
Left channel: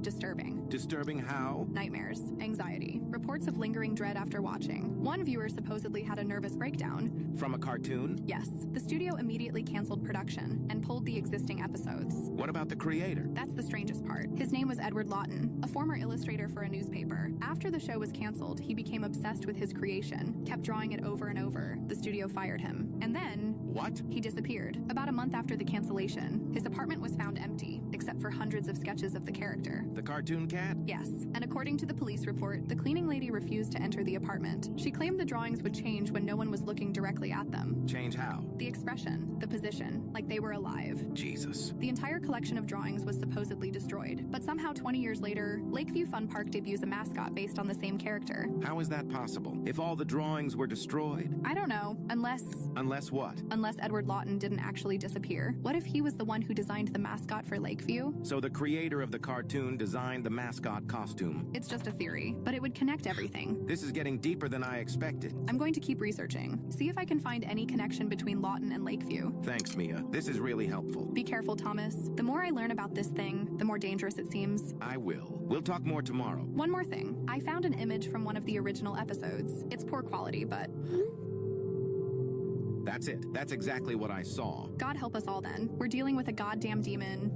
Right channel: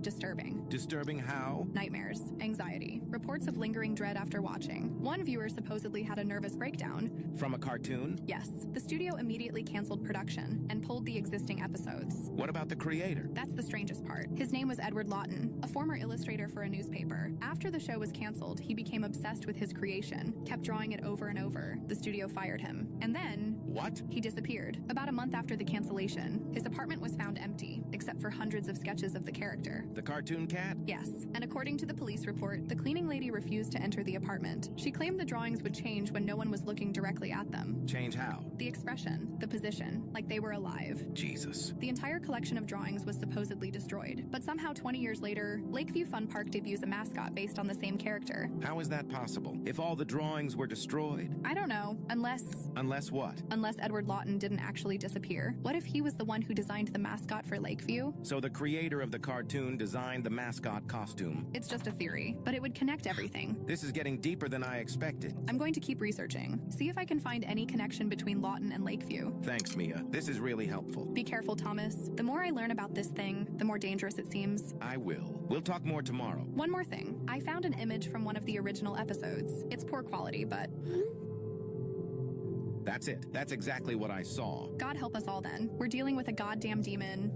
disturbing. Disturbing how? Nightmares, anxiety, reports of lingering dread after watching. One viewer supposedly had a nervous breakdown. From a cartoon? Yes. The studio immediately canceled production and pulled the existing episodes. What about the creator? That's the strangest part. His name was Edward Lawton, a former illustrator for a newspaper. After the show was canceled, he became obsessed with his creation, kept drawing it over and over. The studio fired him. And then... What? He disappeared. About a month after the cancellation, his apartment was found empty, except for hundreds of sketches of the character. The cartoon cat? Yes, and according to the police report, the cleaning lady refused to enter the apartment. She claimed the drawings would change when no one was looking directly at them. Change how? The expression, the position, like they were alive. Jesus. The entire collection of drawings was supposedly destroyed, but somehow 20 years later, Lakeview Fun Park debuts a mascot based on the same character. How is that possible? If all the drawings were destroyed? I don't know, unless... Unless what? Unless Edward Lawton didn't actually disappear. What if he was the one who designed the mascot for Lakeview? So the creator of the cartoon designed the mascot costume. It's just a theory, but it would connect everything. This is getting deeper than I expected. I'm going to keep researching. See if I can find any connection between Lawton and Lakeview. Thanks, Mia. This is really helpful. Be careful, Thomas. The more I learn about this thing, the more dangerous it seems. I will. We'll talk more tomorrow. One more thing. I found an image from one of the original episodes. It's poor quality, but... That's it. That's exactly what I saw. God help us all then. We're dealing with a goddamn demon.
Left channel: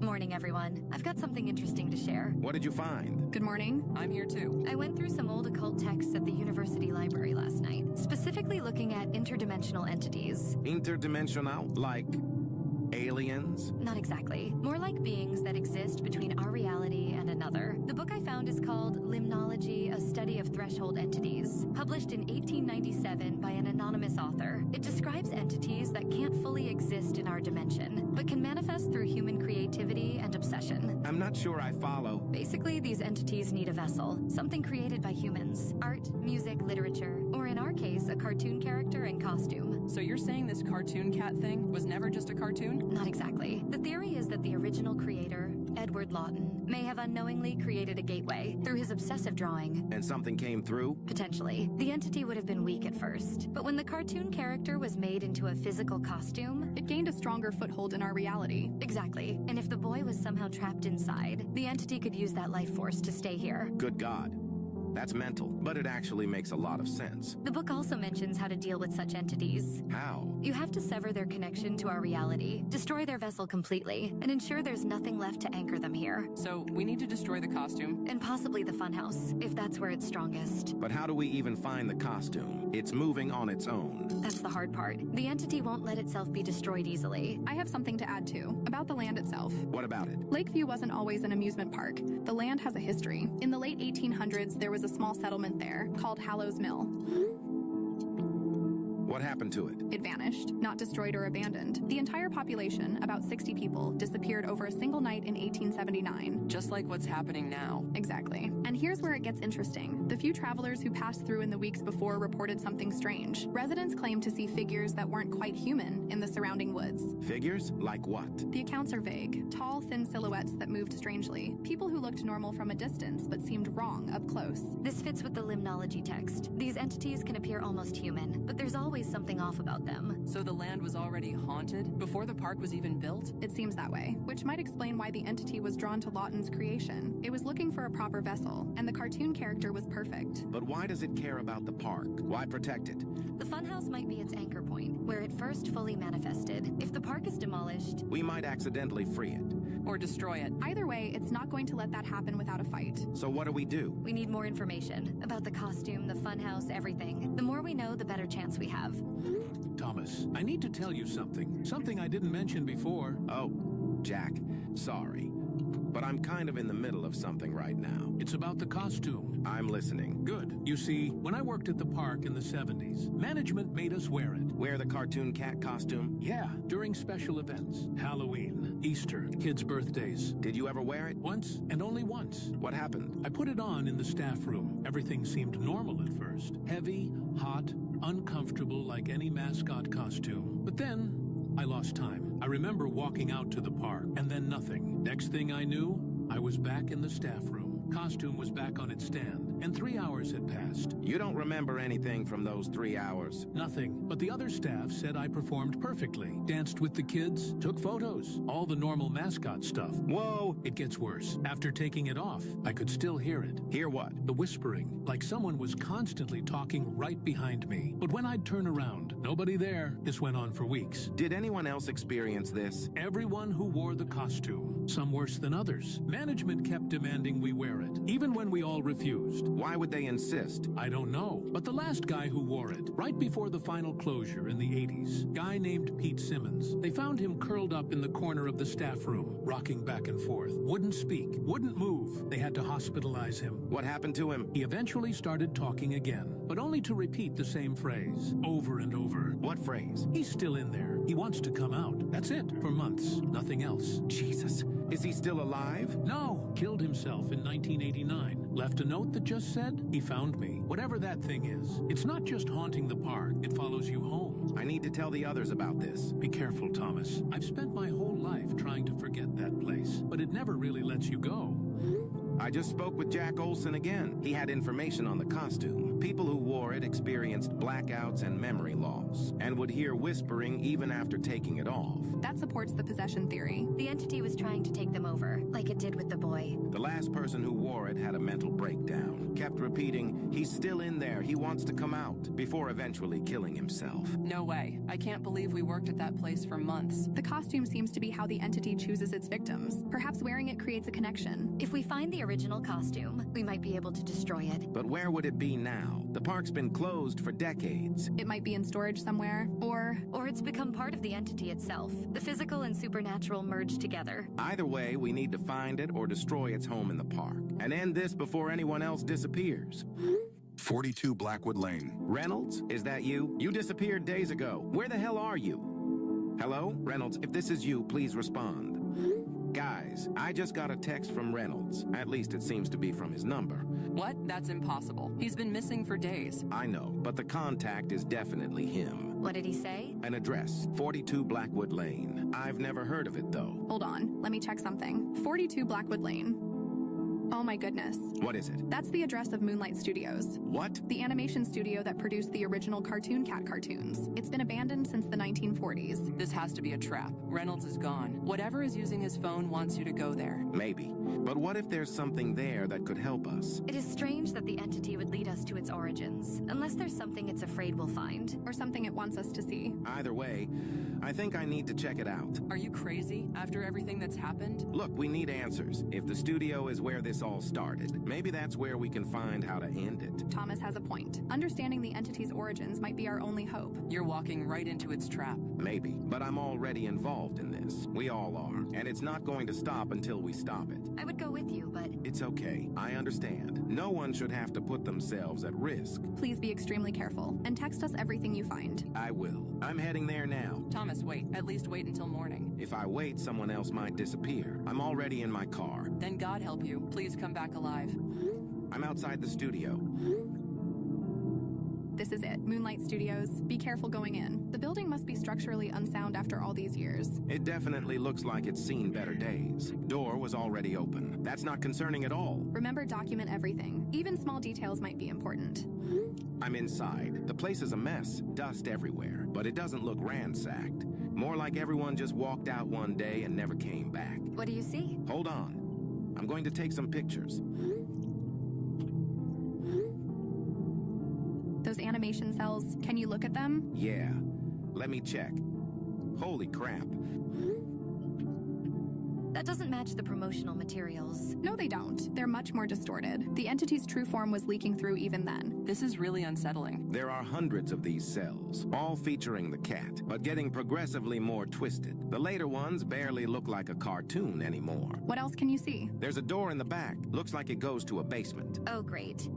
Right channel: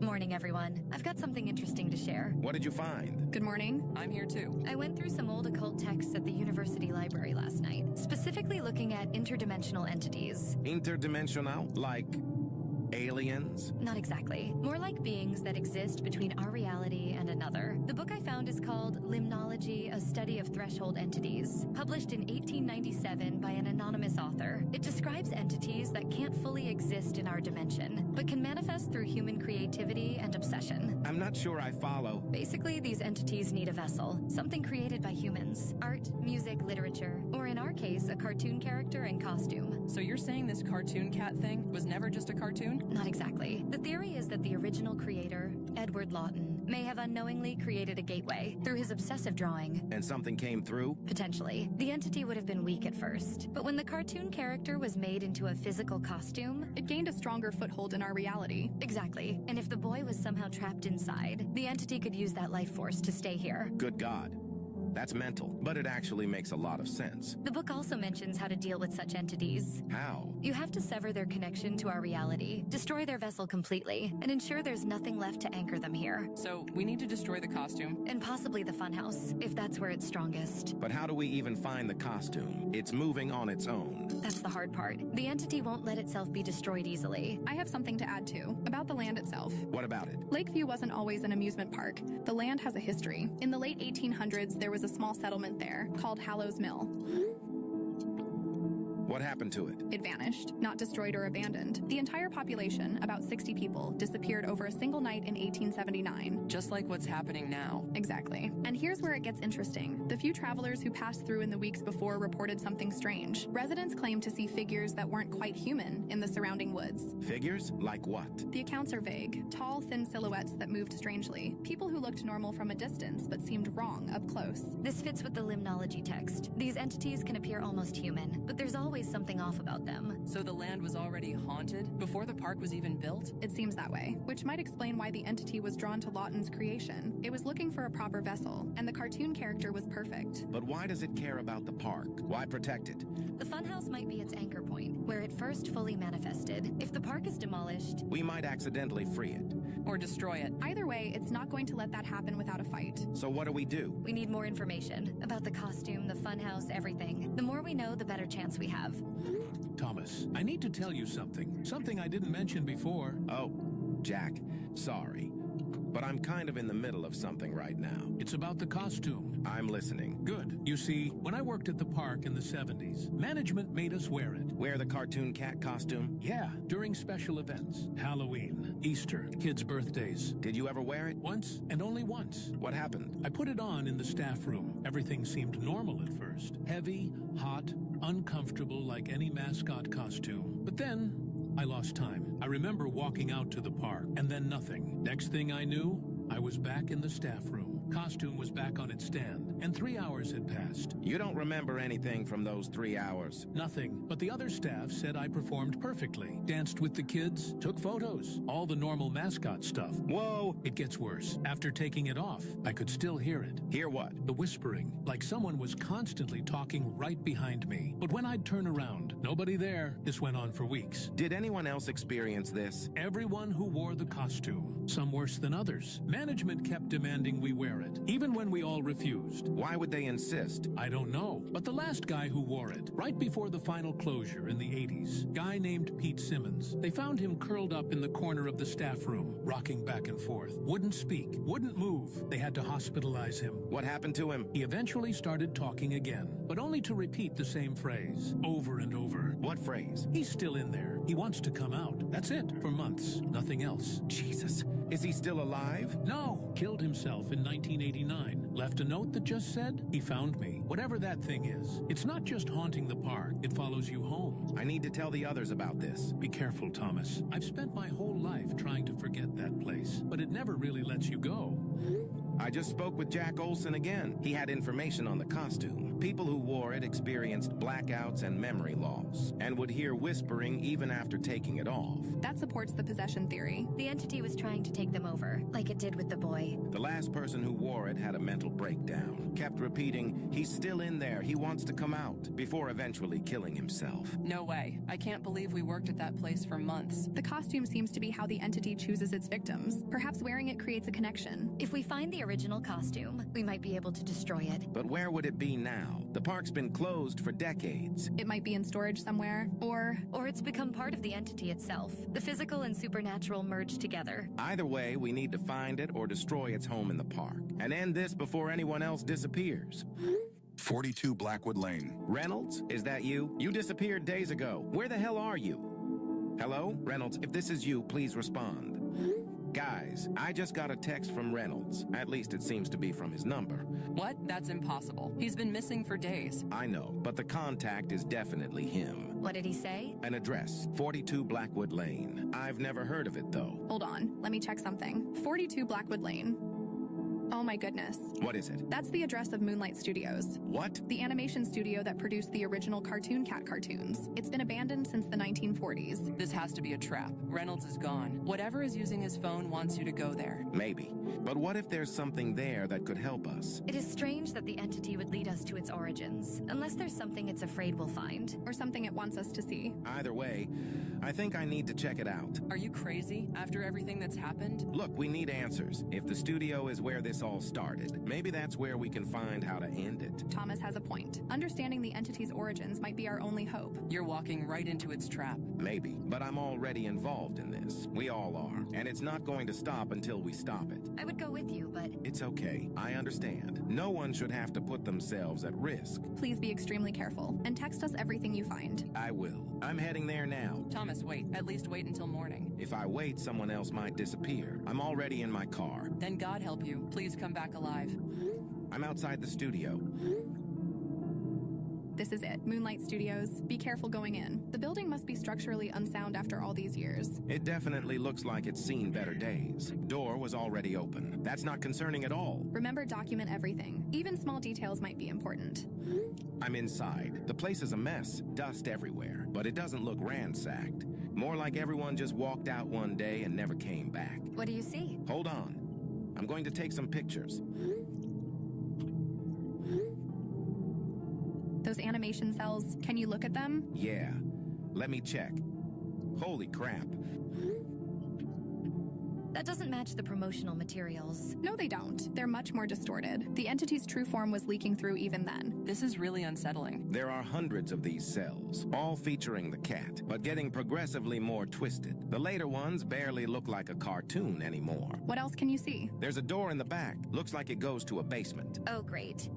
Morning, everyone. I've got something interesting to share. What did you find? Good morning. I'm here too. I went through some old occult texts at the university library last night, specifically looking at interdimensional entities. Interdimensional? Like aliens? Not exactly. More like beings that exist between our reality and another. The book I found is called Limnology, A Study of Threshold Entities, published in 1897 by an anonymous author. It describes entities that can't fully exist in our dimension, but can manifest through human creativity and obsession. I'm not sure I follow. Basically, these entities need a vessel, something created by humans. Art, music, literature, or in our case, a cartoon character and costume. So you're saying this cartoon cat thing was never just a cartoon? Not exactly. The theory is that the original creator, Edward Lawton, may have unknowingly created a gateway through his obsessive drawing. And something came through? Potentially. The entity would have been weak at first, but when the cartoon character was made into a physical costume, It gained a stronger foothold in our reality. exactly. And if the boy was somehow trapped inside, the entity could use that life force to stay here. Good God. That's mental, but it actually makes a lot of sense. The book also mentions how to deal with such entities. How? You have to sever their connection to our reality, destroy their vessel completely, and ensure there's nothing left to anchor them here. So we need to destroy the costume. And possibly the funhouse, if that's where it's strongest. But how do we even find the costume? It's moving on its own. That's the hard part. The entity won't let itself be destroyed easily. I have something to add too, about the land itself. What about it? Lakeview wasn't always an amusement park. The land has a history. In the late 1800s, there was a small settlement there called Hallows Mill. What happened to it? It vanished, not destroyed or abandoned. The entire population, about 60 people, disappeared over a single night in 1879. Just like what's happening now. Exactly. And here's where it gets interesting. The few travelers who passed through in the weeks before reported something strange. Residents claimed to see figures that weren't quite human in the surrounding woods. Figures? Like what? The accounts are vague. Tall, thin silhouettes that moved strangely. People who looked normal from a distance but seemed wrong up close. This fits with the limnology text. These entities can appear almost human, but there's always something off about them. So the land was already haunted before the park was even built? It seems that way, which might explain why the entity was drawn to Lawton's creation. It was looking for a proper vessel, and the cartoon character was perfect. But why does it care about the park? Why protect it? The funhouse might be its anchor point, where it first fully manifested. If the park is demolished, We might accidentally free it. Or destroy it? Either way, it's not going to let that happen without a fight. So what do we do? we need more information about the costume, the funhouse, everything. The more we know, the better chance we have. Thomas, I need to tell you something. Something I didn't mention before. Oh, Jack, sorry. But I'm kind of in the middle of something right now. It's about the costume. I'm listening. Good. You see, when I worked at the park in the 70s, management made us wear it. Wear the cartoon cat costume? Yeah, during special events. Halloween, Easter, kids' birthdays. Did you ever wear it? Once, and only once. What happened? I put it on in the staff room. Everything seemed normal at first. Heavy, hot, uncomfortable like any mascot costume. But then, I lost time. I remember walking out to the park, and then nothing. Next thing I knew, I was back in the staff room. Costume was back on its stand, and 3 hours had passed. You don't remember anything from those 3 hours? Nothing, but the other staff said I performed perfectly. Danced with the kids, took photos, all the normal mascot stuff. Whoa! It gets worse. After taking it off, I could still hear it. Hear what? The whispering, like someone was constantly talking right behind me. But when I'd turn around, nobody there. This went on for weeks. Did anyone else experience this? Everyone who wore the costume, some worse than others. Management kept demanding we wear it, even when we all refused. Why would they insist? I don't know, but the last guy who wore it, right before the final closure in the 80s, guy named Pete Simmons, they found him curled up in the corner of the staff room, rocking back and forth. Wouldn't speak, wouldn't move. They had to hospitalize him. What happened to him? He eventually started talking again, but only to repeat the same phrase, over and over. What phrase? He's still in there. He wants to come out. That's it, for months. Nothing else. Jesus. Is he still alive? No. Killed himself in 1989. Left a note that just said, he found me. Whatever that thing is. It's not just haunting the park. It follows you home. I need to tell the others about this. Be careful, Thomas. I've spent my whole life trying to forget that place, but it never really lets you go. I just spoke with Jack Olson again. He had information on the costume. People who wore it experienced blackouts and memory loss, and would hear whispering even after taking it off. That supports the possession theory. The entity was trying to take them over, like it did with the boy. The last person who wore it had a mental breakdown, kept repeating, "He's still in there, he wants to come out," before eventually killing himself. No way. I can't believe we worked at that place for months. The costume seems to be how the entity chooses its victims. Perhaps wearing it creates a connection. If we find the original costume, we might be able to destroy it. But where would it be now? The park's been closed for decades. It might be in storage somewhere, or it's become part of the entity itself. The physical and supernatural merge together. Either way, we need to find it or destroy its home in the park, and end this before anyone else disappears. 42 Blackwood Lane. Reynolds, is that you? You disappeared days ago. Where the hell are you? Hello? Reynolds, if this is you, please respond. Guys, I just got a text from Reynolds. At least it seems to be from his number. What? That's impossible. He's been missing for days. I know, but the contact is definitely him. What did he say? An address, 42 Blackwood Lane. I've never heard of it, though. Hold on, let me check something. 42 Blackwood Lane. Oh my goodness. What is it? That's the address of Moonlight Studios. What? The animation studio that produced the original Cartoon Cat cartoons. It's been abandoned since the 1940s. This has to be a trap. Reynolds is gone. Whatever is using his phone wants you to go there. Maybe. But what if there's something there that could help us? It is strange that the entity would lead us to its origins, unless there's something it's afraid we'll find. Or something it wants us to see. Either way, I think I need to check it out. Are you crazy after everything that's happened? Look, we need answers. If the studio is where this all started, maybe that's where we can find how to end it. Thomas has a point. Understanding the entity's origins might be our only hope. You're walking right into its trap. Maybe, but I'm already involved in this. We all are. And it's not going to stop until we stop it. I would go with you, but... It's okay. I understand. No one should have to put themselves at risk. Please be extremely careful, and text us everything you find. I will. I'm heading there now. Thomas, wait. At least wait until morning. If I wait, someone else might disappear. I'm already in my car. Then God help you. Please come back alive. I'm outside the studio. This is it. Moonlight Studios. Be careful going in. The building must be structurally unsound after all these years. It definitely looks like it's seen better days. Door was already open. That's not concerning at all. Remember, document everything. Even small details might be important. I'm inside. The place is a mess. Dust everywhere. But it doesn't look ransacked. More like everyone just walked out one day and never came back. What do you see? Hold on. I'm going to take some pictures. Those animation cells, can you look at them? Yeah. Let me check. Holy crap. That doesn't match the promotional materials. No, they don't. They're much more distorted. The entity's true form was leaking through even then. This is really unsettling. There are hundreds of these cells, all featuring the cat, but getting progressively more twisted. The later ones barely look like a cartoon anymore. What else can you see? There's a door in the back. Looks like it goes to a basement. Oh, great.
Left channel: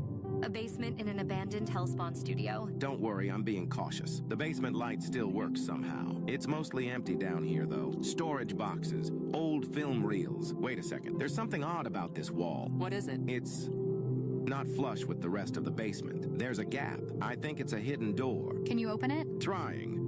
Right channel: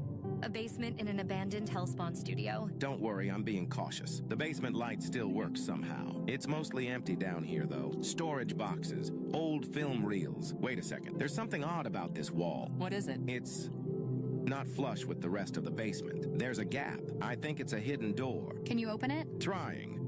A basement in an abandoned Hellspawn studio. Don't worry, I'm being cautious. The basement light still works somehow. It's mostly empty down here, though. Storage boxes, old film reels. Wait a second. There's something odd about this wall. What is it? It's not flush with the rest of the basement. There's a gap. I think it's a hidden door. Can you open it? Trying.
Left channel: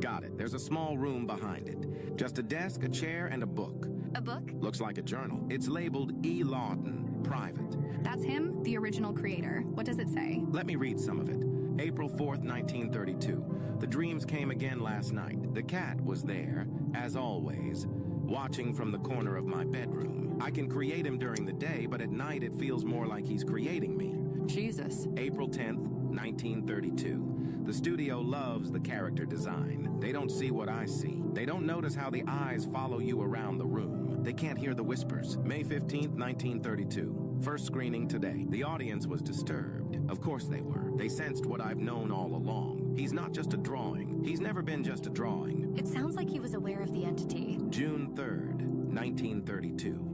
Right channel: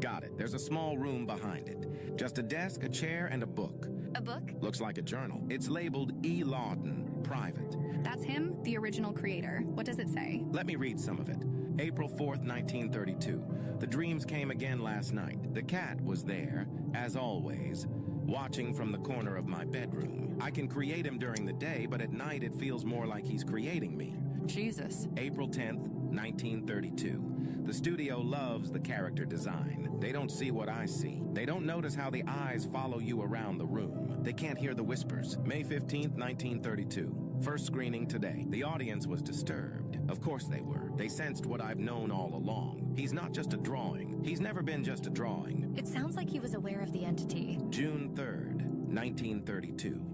Got it. There's a small room behind it. Just a desk, a chair, and a book. A book? Looks like a journal. It's labeled E. Lawton, private. That's him, the original creator. What does it say? Let me read some of it. April 4th, 1932. The dreams came again last night. The cat was there, as always, watching from the corner of my bedroom. I can create him during the day, but at night it feels more like he's creating me. Jesus. April 10th, 1932. The studio loves the character design. They don't see what I see. They don't notice how the eyes follow you around the room. They can't hear the whispers. May 15th, 1932. First screening today. The audience was disturbed. Of course they were. They sensed what I've known all along. He's not just a drawing. He's never been just a drawing. It sounds like he was aware of the entity. June 3rd, 1932.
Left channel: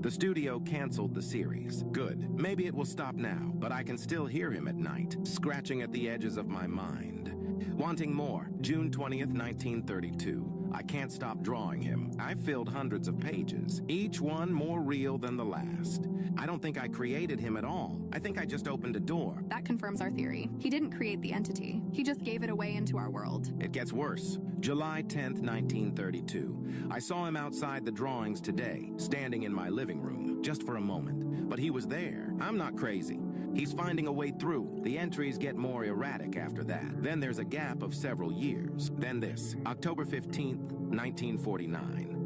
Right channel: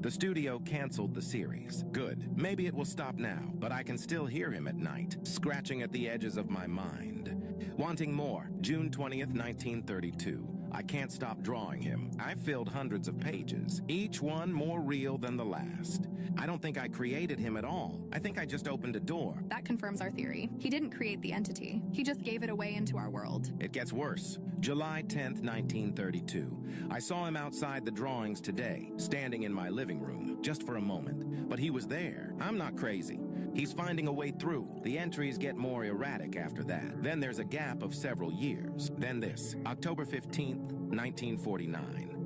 The studio canceled the series. Good. Maybe it will stop now, but I can still hear him at night, scratching at the edges of my mind. Wanting more. June 20th, 1932. I can't stop drawing him. I've filled hundreds of pages, each one more real than the last. I don't think I created him at all. I think I just opened a door. That confirms our theory. He didn't create the entity. He just gave it away into our world. It gets worse. July 10th, 1932. I saw him outside the drawings today, standing in my living room, just for a moment. But he was there. I'm not crazy. He's finding a way through. The entries get more erratic after that. Then there's a gap of several years. Then this, October 15th, 1949.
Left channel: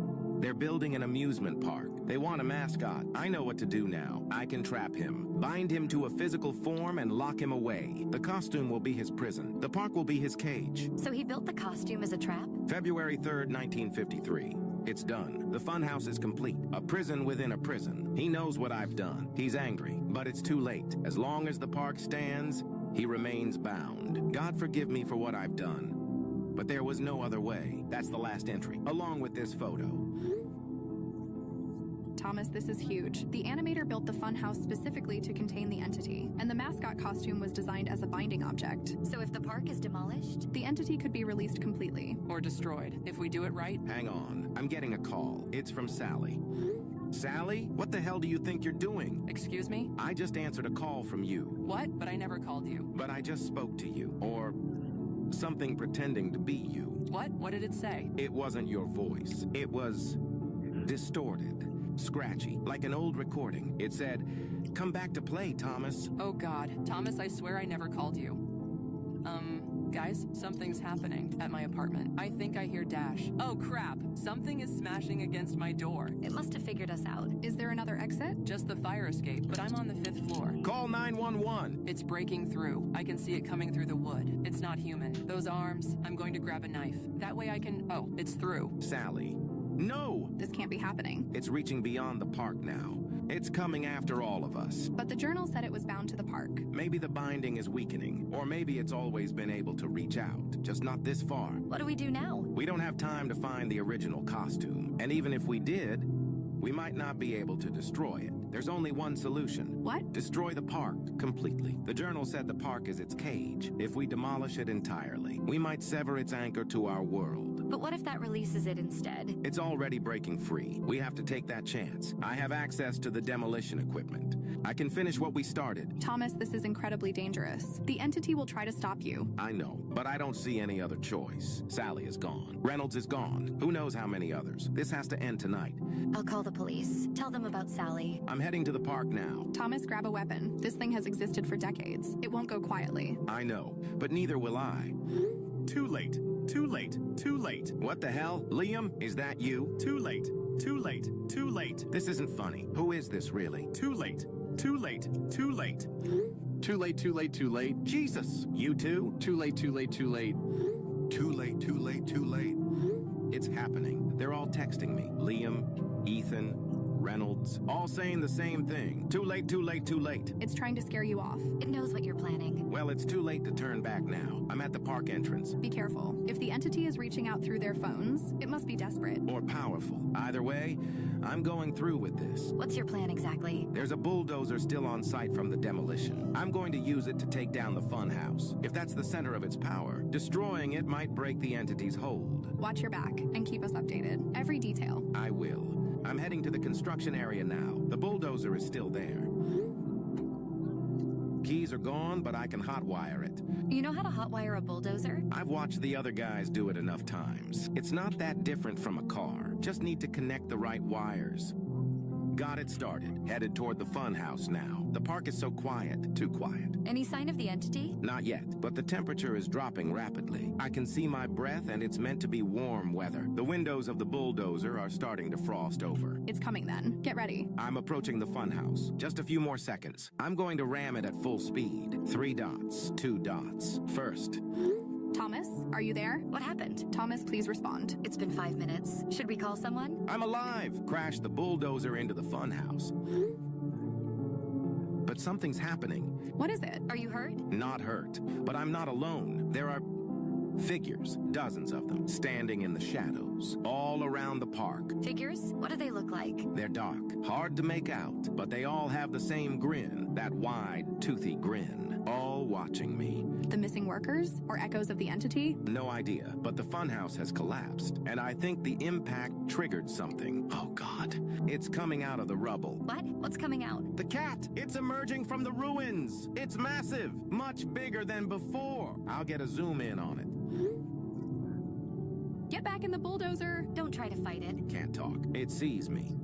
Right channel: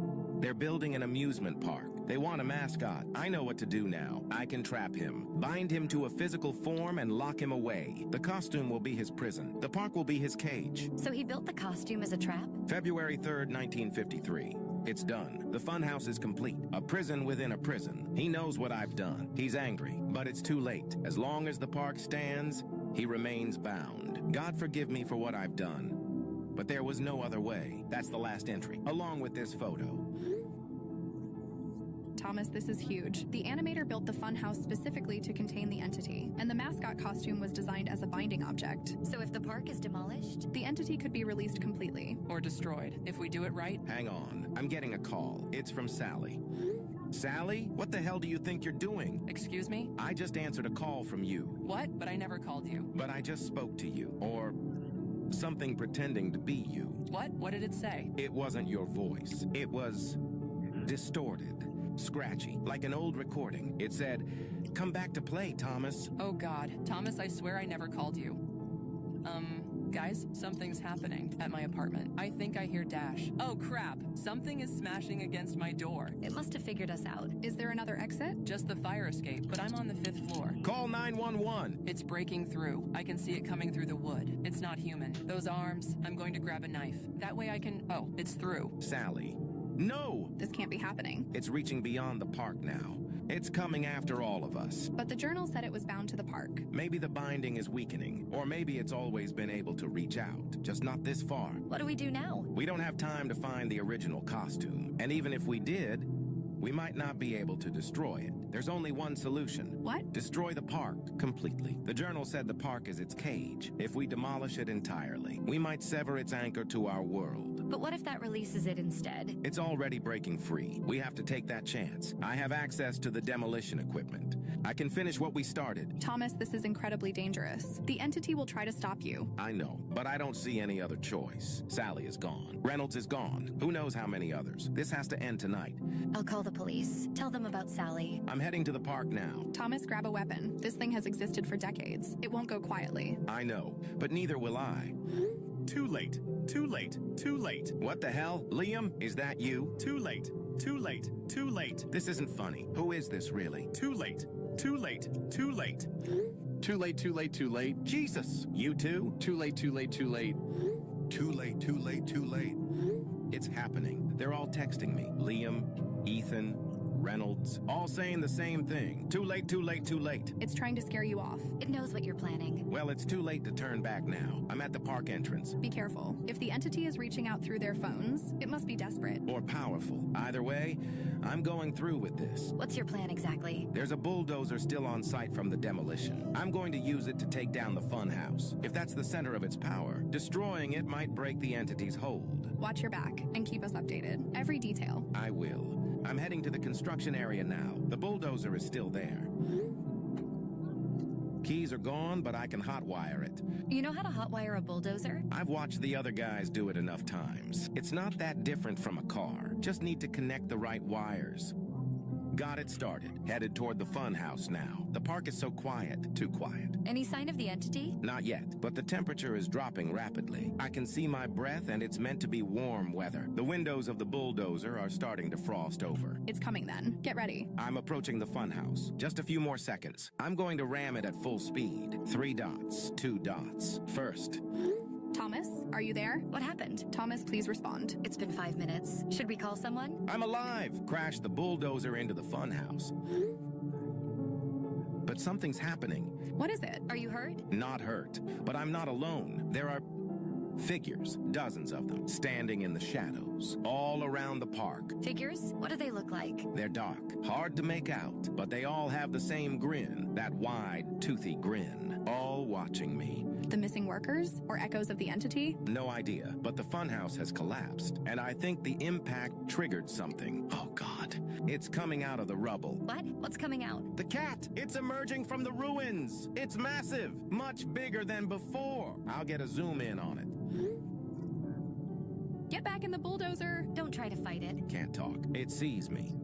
They're building an amusement park. They want a mascot. I know what to do now. I can trap him, bind him to a physical form, and lock him away. The costume will be his prison. The park will be his cage. So he built the costume as a trap? February 3rd, 1953. It's done. The funhouse is complete. A prison within a prison. He knows what I've done. He's angry, but it's too late. As long as the park stands, he remains bound. God forgive me for what I've done. But there was no other way. That's the last entry, along with this photo. Thomas, this is huge. The animator built the funhouse specifically to contain the entity, and the mascot costume was designed as a binding object. So if the park is demolished? The entity could be released completely. Or destroyed, if we do it right. Hang on. I'm getting a call. It's from Sally. Sally? What the hell do you think you're doing? Excuse me? I just answered a call from you. What? But I never called you. But I just spoke to you. Or something pretending to be you. What? What did it say? It wasn't your voice. It was distorted. Scratchy, like an old recording. It said, "Come back to play, Thomas." Oh God. Thomas, I swear I never called you. Guys, something's happening at my apartment. I think I hear Dash. Oh crap, something is smashing against my door. It must have figured us out. Is there another exit? Just the fire escape, but I'm on the 5th floor. Call 911. It's breaking through. I can see it coming through the wood. It's not human. Those arms, I'm going to grab a knife. That way I can, oh, it's through. Sally. No! This can't be happening. It's reaching beyond the park now. It's coming after all of us. But the journal said it was bound to the park. Maybe the binding is weakening, or maybe it's always been able to reach out, just not this far. What do we do now? We don't have time to find the original costume, and even if we did, we might not be able to destroy it. There's only one solution. What? Destroy the park completely. The journal said the park is its cage. If we demolish it entirely, we might sever its anchor to our world. But what if that releases it instead? It's already breaking free. We have to take that chance. I have access to the demolition equipment. I can finish what we started. Thomas, this is incredibly dangerous. The entity will try to stop you. I know, but I don't see any other choice. Sally is gone. Reynolds is gone. Who knows how many others? This has to end tonight. I'll call the police. Tell them about Sally. I'm heading to the park now. Thomas, grab a weapon. This thing has existed for decades. It won't go quietly. I know, but neither will I. Too late. Too late. Too late. What the hell? Liam, is that you? Too late. Too late. Too late. This isn't funny. Who is this really? Too late. Too late. Too late. Too late, too late, too late. Jesus! You too? Too late, too late, too late. Too late, too late, too late. It's happening. They're all texting me. Liam, Ethan, Reynolds, all saying the same thing. Too late, too late, too late. It's trying to scare you off. It knows what you're planning. Well, it's too late to turn back now. I'm at the park entrance. Be careful. If the entity is reaching out through their phones, it must be desperate. Or powerful. Either way, I'm going through with this. What's your plan exactly? There's a bulldozer still on site from the demolition. I'm going to use it to take down the funhouse. If that's the center of its power, destroying it might break the entity's hold. Watch your back and keep us updated. Every detail. I will. I'm heading to the construction area now. The bulldozer is still there. Keys are gone, but I can hotwire it. You know how to hotwire a bulldozer? I've watched the other guys do it enough times. It's not that different from a car. Just need to connect the right wires. Got it started. Headed toward the fun house now. The park is so quiet. Too quiet. Any sign of the entity? Not yet, but the temperature is dropping rapidly. I can see my breath, and it's meant to be warm weather. The windows of the bulldozer are starting to frost over. It's coming then. Get ready. I'm approaching the funhouse. Just a few more seconds. I'm going to ram it at full speed. 3 dots, 2 dots. First. Thomas, are you there? What happened? Thomas, please respond. It's been 5 minutes. Should we call someone? I'm alive! Crash the bulldozer into the funhouse. But something's happening. What is it? Are you hurt? Not hurt, but I'm not alone. There are figures, dozens of them, standing in the shadows, all around the park. Figures? What do they look like? They're dark, hard to make out, but they all have the same grin, that wide, toothy grin. all watching me. The missing workers? Or echoes of the entity? No idea, but the funhouse has collapsed, and I think the impact triggered something. Oh, God. It's coming out of the rubble. What? What's coming out? The cat! It's emerging from the ruins! It's massive! Much bigger than before! I'll get a zoom in on it. Get back in the bulldozer! Don't try to fight it. Can't talk. It sees me.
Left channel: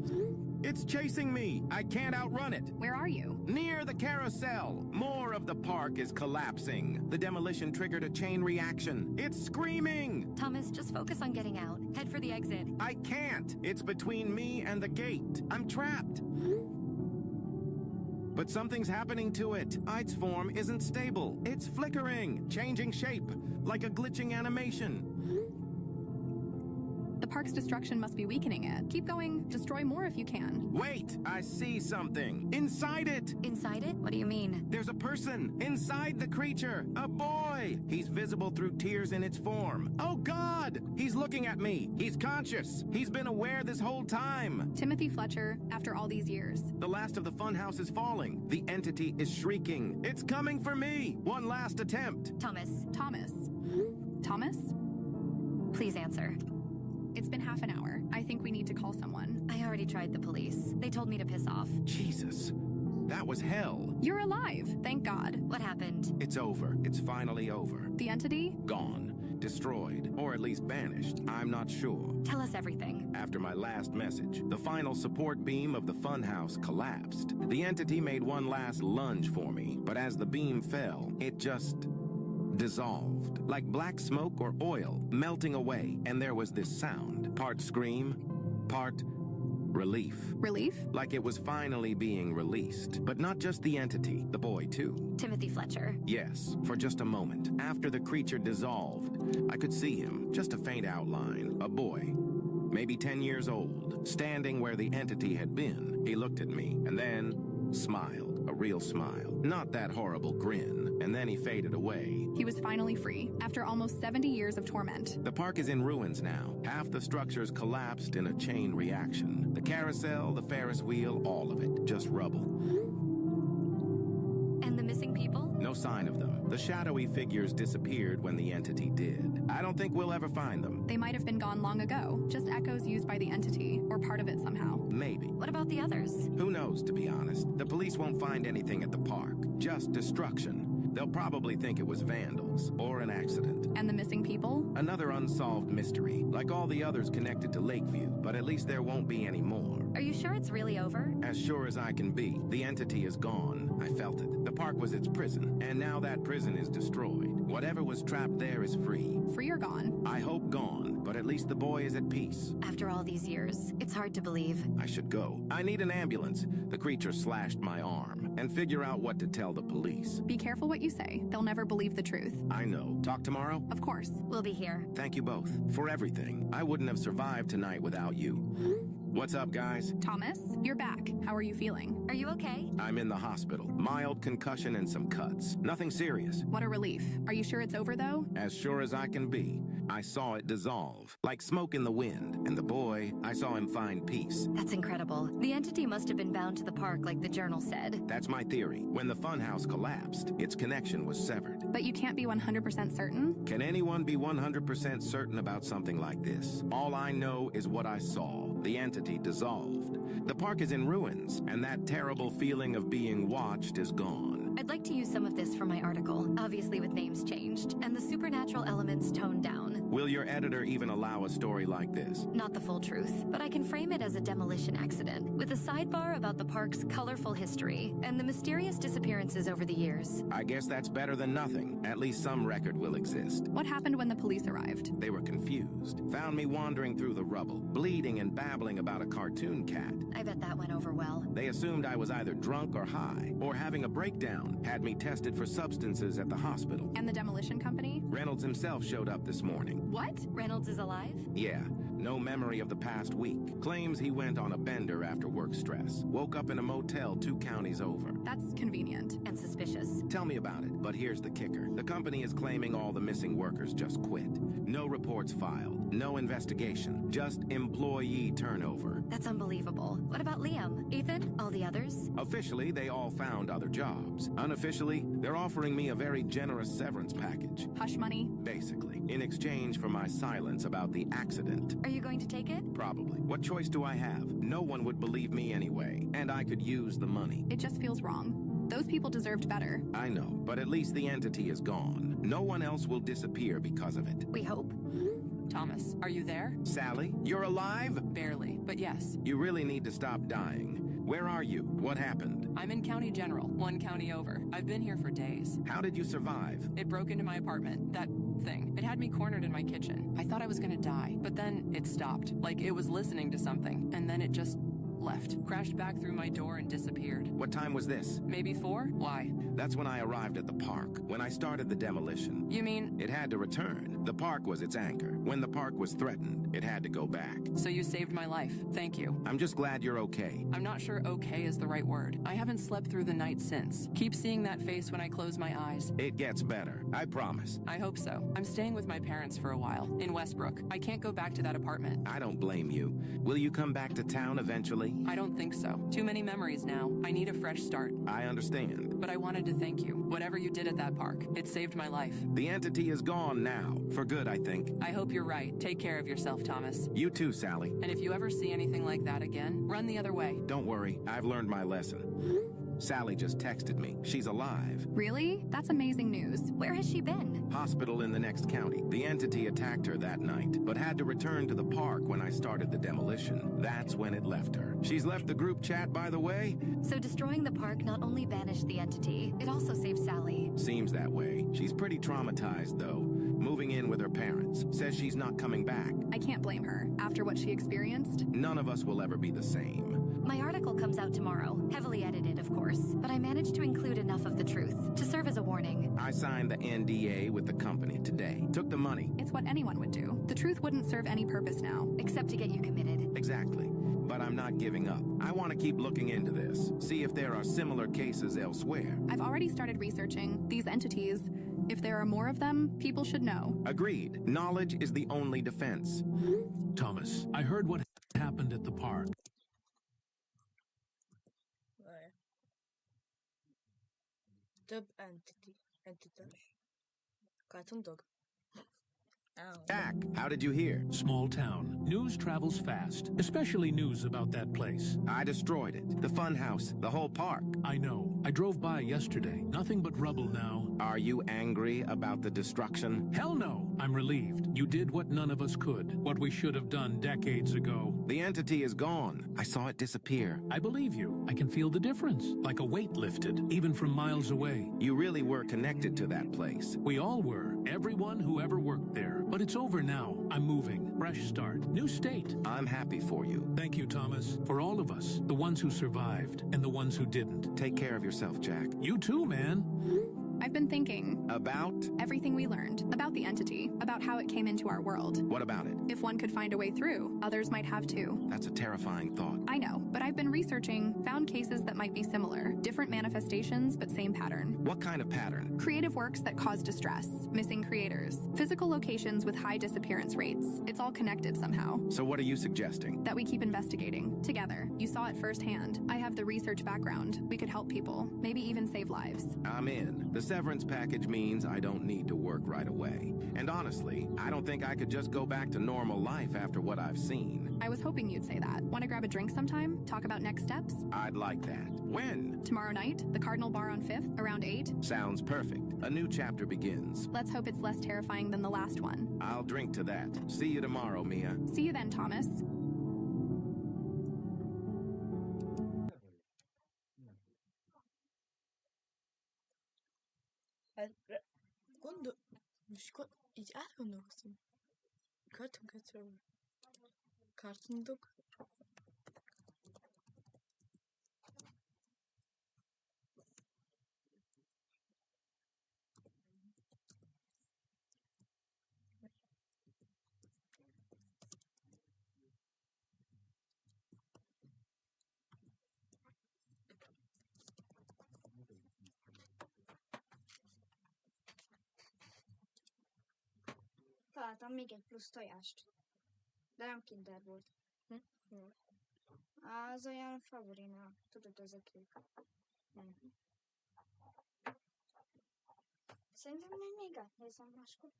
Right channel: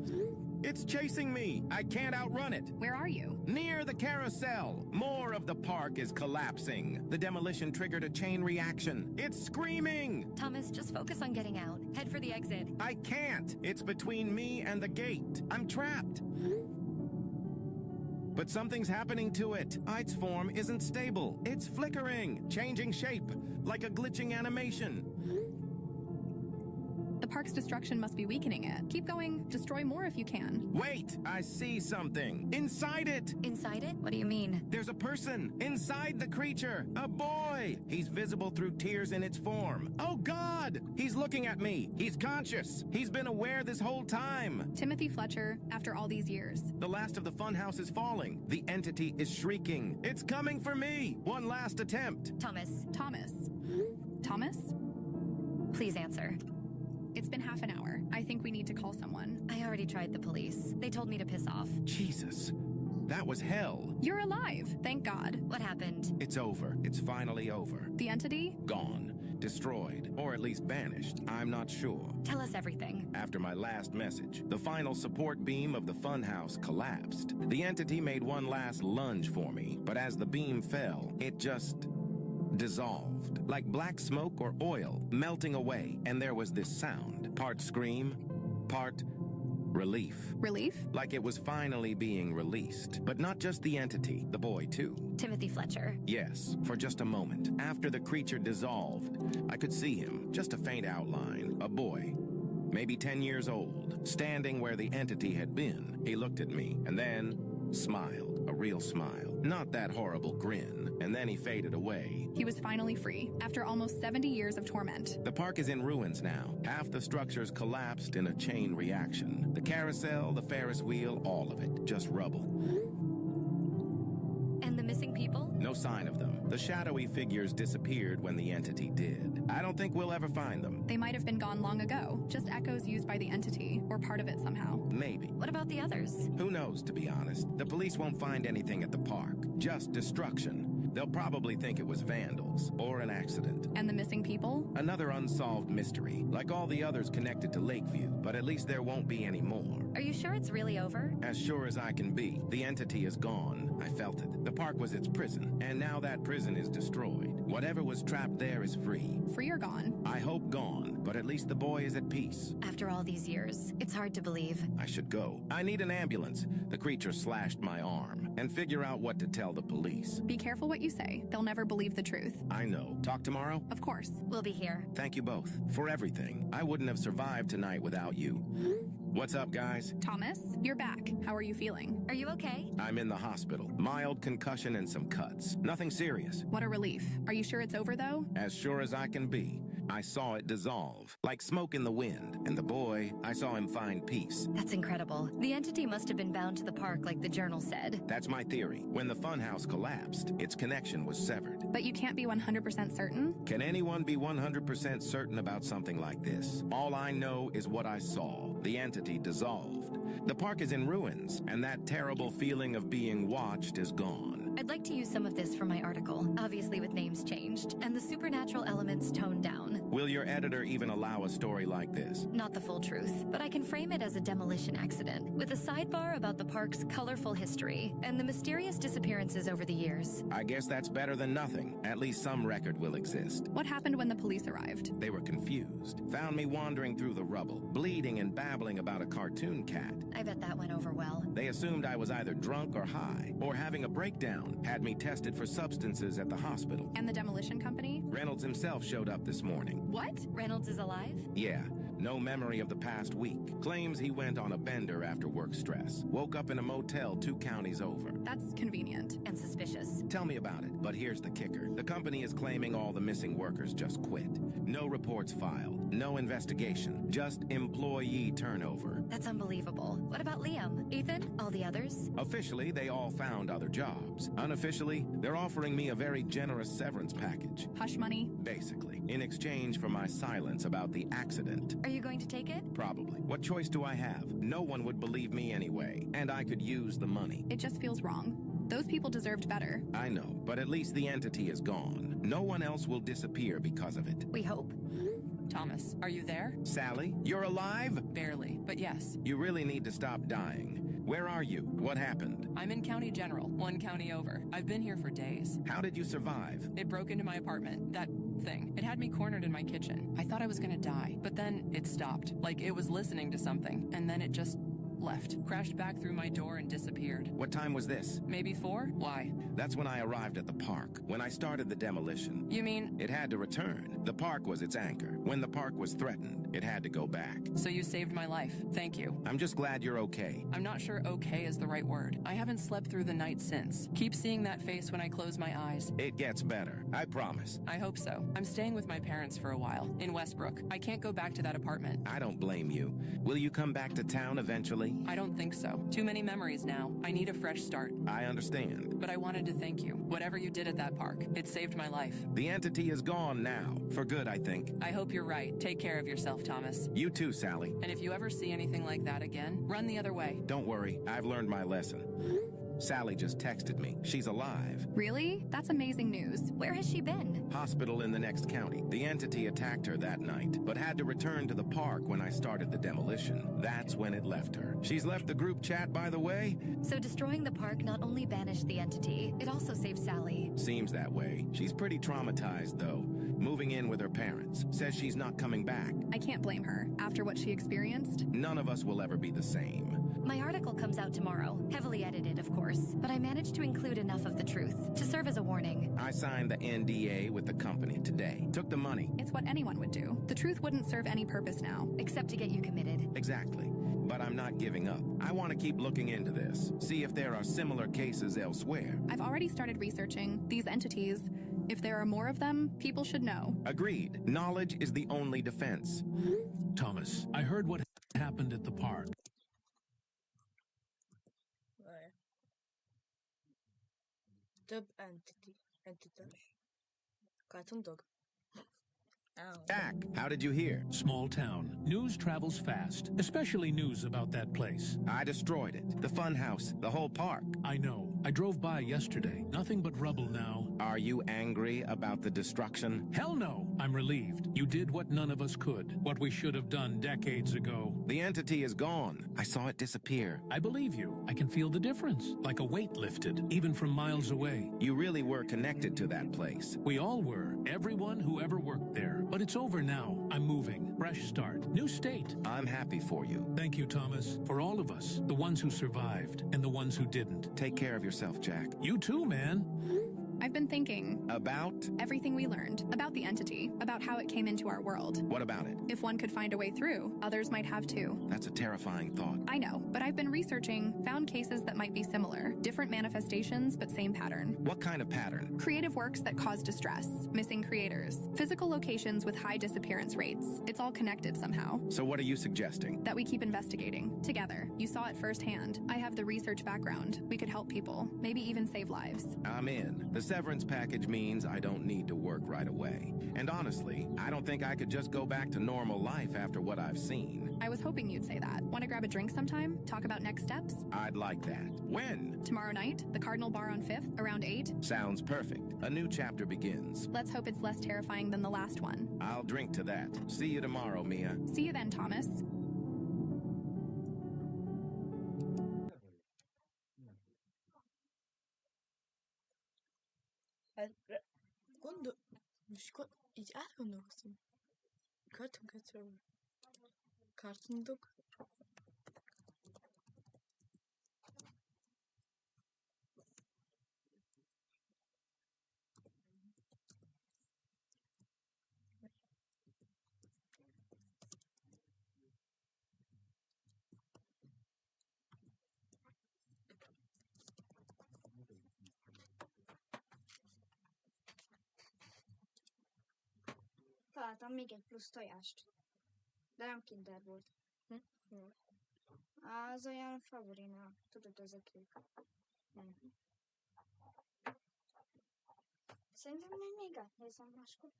It's chasing me! I can't outrun it! Where are you? Near the carousel! More of the park is collapsing. The demolition triggered a chain reaction. It's screaming! Thomas, just focus on getting out. Head for the exit. I can't! It's between me and the gate. I'm trapped. But something's happening to it. Its form isn't stable. It's flickering, changing shape, like a glitching animation. The park's destruction must be weakening it. Keep going. Destroy more if you can. Wait! I see something. Inside it! Inside it? What do you mean? There's a person inside the creature. A boy! He's visible through tears in its form. Oh, God! He's looking at me. He's conscious. He's been aware this whole time. Timothy Fletcher, after all these years. The last of the funhouse is falling. The entity is shrieking. It's coming for me. One last attempt. Thomas. Thomas. Thomas? Please answer. It's been half an hour. I think we need to call someone. I already tried the police. They told me to piss off. Jesus. That was hell. You're alive. Thank God. What happened? It's over. It's finally over. The entity? Gone. Destroyed. Or at least banished. I'm not sure. Tell us everything. After my last message, the final support beam of the funhouse collapsed. The entity made one last lunge for me, but as the beam fell, it just dissolved, like black smoke or oil melting away, and there was this sound, part scream, part relief. Relief? Like it was finally being released. But not just the entity, the boy too. Timothy Fletcher. Yes, for just a moment. After the creature dissolved, I could see him, just a faint outline, a boy, maybe 10 years old, standing where the entity had been. He looked at me, and then smiled, a real smile. Not that horrible grin, and then he faded away. He was finally free, after almost 70 years of torment. The park is in ruins now. Half the structures collapsed in a chain reaction. The carousel, the Ferris wheel, all of it. Just rubble. And the missing people? No sign of them. The shadowy figures disappeared when the entity did. I don't think we'll ever find them. They might have been gone long ago, just echoes used by the entity, or part of it somehow. Maybe. What about the others? Who knows, to be honest. The police won't find anything at the park. Just destruction. They'll probably think it was vandals, or an accident. And the missing people? Another unsolved mystery, like all the others connected to Lakeview, but at least there won't be any more. Are you sure it's really over? As sure as I can be. The entity is gone. I felt it. The park was its prison, and now that prison is destroyed. Whatever was trapped there is free. Free or gone? I hope gone, but at least the boy is at peace. After all these years, it's hard to believe. I should go. I need an ambulance. The creature slashed my arm, and figure out what to tell the police. Be careful what you say. They'll never believe the truth. I know. Talk tomorrow? Of course. We'll be here. Thank you both for everything. I wouldn't have survived tonight without you. What's up, guys? Thomas, you're back. How are you feeling? Are you okay? I'm in the hospital. Mild concussion and some cuts. Nothing serious. What a relief. Are you sure it's over, though? As sure as I can be. I saw it dissolve, like smoke in the wind. And the boy, I saw him find peace. That's incredible. The entity must have been bound to the park like the journal said. That's my theory. When the funhouse collapsed, its connection was severed. But you can't be 100% certain? Can anyone be 100% certain about something like this? All I know is what I saw. The entity dissolved. The park is in ruins, and that terrible feeling of being watched is gone. I'd like to use some of this for my article, obviously with names changed, and the supernatural elements toned down. Will your editor even allow a story like this? Not the full truth, but I can frame it as a demolition accident, with a sidebar about the park's colorful history and the mysterious disappearances over the years. I guess that's better than nothing. At least some record will exist. What happened when the police arrived? They were confused. Found me wandering through the rubble, bleeding and babbling about a cartoon cat. I bet that went over well. They assumed I was either drunk or high, or having a breakdown. Had me tested for substances at the hospital. And the demolition company? Reynolds himself showed up this morning. What? Reynolds is alive? Yeah. No memory of the past week. Claims he went on a bender after work stress. Woke up in a motel 2 counties over. That's convenient. And suspicious. Tell me about it, but here's the kicker. The company is claiming all the missing workers just quit. No reports filed. No investigation. Just employee turnover. That's unbelievable. What about Liam? Ethan? All the others? Officially, they all found other jobs. Unofficially, they're offering me a very generous severance package. Hush money? Basically, in exchange for my silence about the accident. Are you going to take it? Probably. What choice do I have? No one would believe me anyway, and I could use the money. It just feels wrong. Those people deserved better. I know, but at least the entity is gone. No one else will disappear because of it. We hope. Thomas, are you there? Sally, you're alive? Barely, but yes. You really need to stop dying. Where are you? What happened? I'm in County General, one county over. I've been here for days. How did you survive? It broke into my apartment. That thing. It had me cornered in my kitchen. I thought I was gonna die, but then it stopped. Like it was listening to something, and then it just left. Crashed back through my door and disappeared. What time was this? Maybe 4? Why? That's when I arrived at the park, when I started the demolition. You mean? It had to return. The park was its anchor. When the park was threatened, it had to go back. So you saved my life. Thank you. I'm just glad you're okay. I'm not sure okay is the right word. I haven't slept through the night since. Keep seeing that face when I close my eyes. It gets better. I promise. I hope so. I'm staying with my parents for a while, in Westbrook. I can't go back to that apartment. I don't blame you. Will you come back to town eventually? I don't think so. Too many memories now. I need a fresh start. I understand. But I wanted to thank you. Whatever you did at that park, it saved my life. The entity is gone now. For good, I think. I hope you're right. Take care of yourself, Thomas. You too, Sally. And if you ever see anything like that again, run the other way. Don't worry. I've learned my lesson. Sally just texted me. She's alive. Really? That's amazing news. Where has she been? Hospital in the next county. The entity attacked her that night, but had to return to the park when I started the demolition. That's when it left her. She's left the group chat, by the way. So destroying the park not only banished the entity, it also saved Sally. Seems that way. She's pretty traumatized, though. Moving in with her parents. Says she's not coming back. I can't blame her. After what she experienced? None of us will ever be the same. My article comes out tomorrow, heavily edited, of course, but I managed to include enough of the truth to serve as a warning. I signed the NDA with the company today. Took the money. It's what anyone would do. The truth wouldn't serve any purpose now. Except to get you committed. Exactly. But I'm not giving up. I want to keep looking into this. See if there are similar cases elsewhere. I've already started researching these entities. If there are more of them, people should know. Agreed. Knowledge is the only defense. Thomas, I heard what happened at the park. Több entitás. Cartoon dog. Ow. Jack, how did you hear? Small town. News travels fast, especially news about that place. I destroyed it. The fun house, the whole park. I know. I drove by yesterday. Nothing but rubble now. Are you angry about the destruction? Hell no. I'm relieved. You did what none of us could. What we should have done decades ago. The entity is gone. I saw it disappear. I believe you. I can feel the difference. Like a weight lifted, even from miles away. You really were connected to that place. We all were. Everyone who ever worked there. But it's over now. I'm moving. Fresh start. New state. I'm happy for you. Thank you, Thomas. For all of us. The ones who survived and the ones who didn't. Take care of yourself, Jack. You too, man. I've been thinking. About? Everything we learned. About the entity. About how it came into our world. What about it? If one could find a way through, others might have too. That's a terrifying thought. I know, but I've been researching, found cases that might be similar. Different manifestations, but same pattern. What kind of pattern? Creative works that cause distress. Missing creators. Physical locations with high disappearance rates. It's all connected somehow. So what are you suggesting? That we keep investigating. Together. You saw it firsthand. I have the research background. We could help people. Maybe even save lives. I'm in. The severance package means I don't need to work right away. And honestly, I don't think I could just go back to normal life after what I've seen. I was hoping you'd say that. Want to grab a drink sometime? Talk about next steps? I'd like that. When? Tomorrow night, the Cardinal Bar on 5th, around 8. Sounds perfect. A new chapter begins. Let's hope it's less terrifying than the last one. I'll drink to that. See you tomorrow, Mia. See you then, Thomas. Így átgondolkoztam. Cartoon dog. Találtam még egy plusz tojást. De nem Kinder volt. Az olyan favorinál. Tudod, ezek ők. Szerintem még átnézem máskor.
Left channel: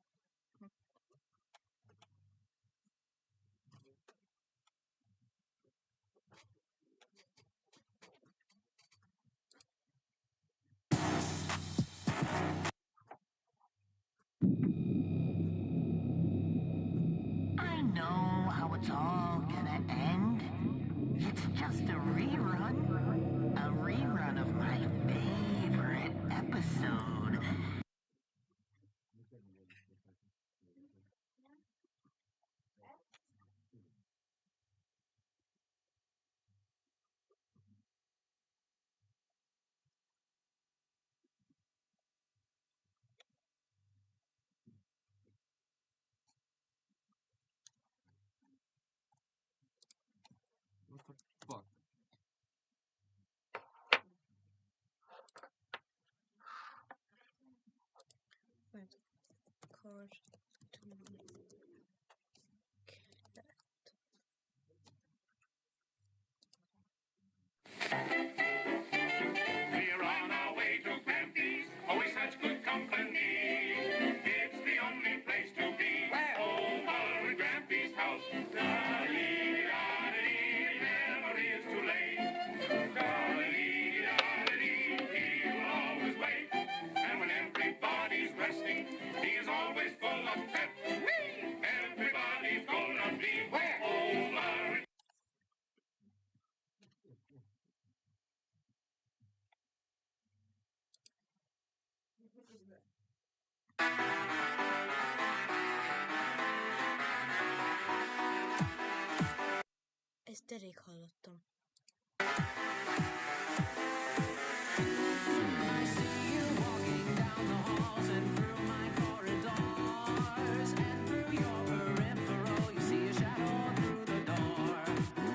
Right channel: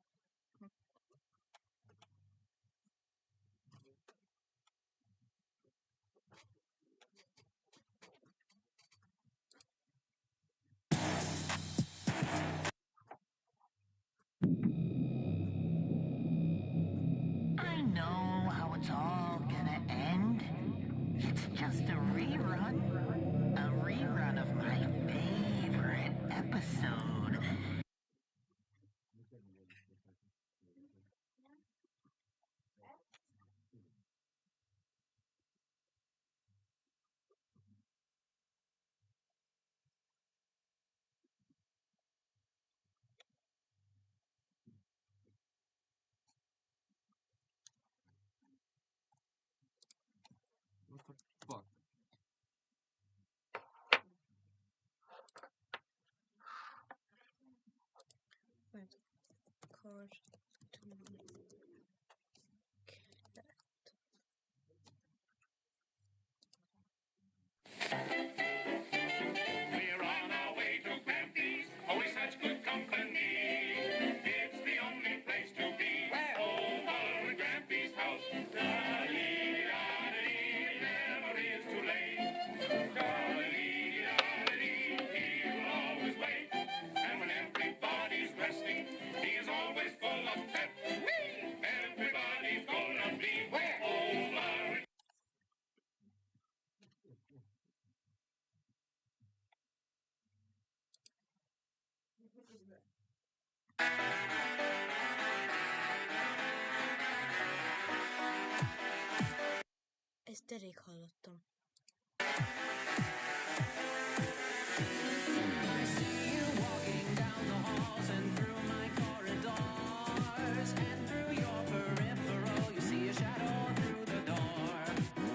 I know how it's all gonna end. It's just a rerun. A rerun of my favorite episode. What the fuck? Wait. Cartoon. We're on our way to Grampy's, always such good company. It's the only place to be. Over at Grampy's house. Da-dee-da-dee, never is too late. Da-dee-da-dee, he'll always wait. And when everybody's resting, he is always full of pep. Everybody's gonna be over. Ezt elég hallottam. I see you walking down the halls and through my corridors, and through your peripheral you see a shadow through the door.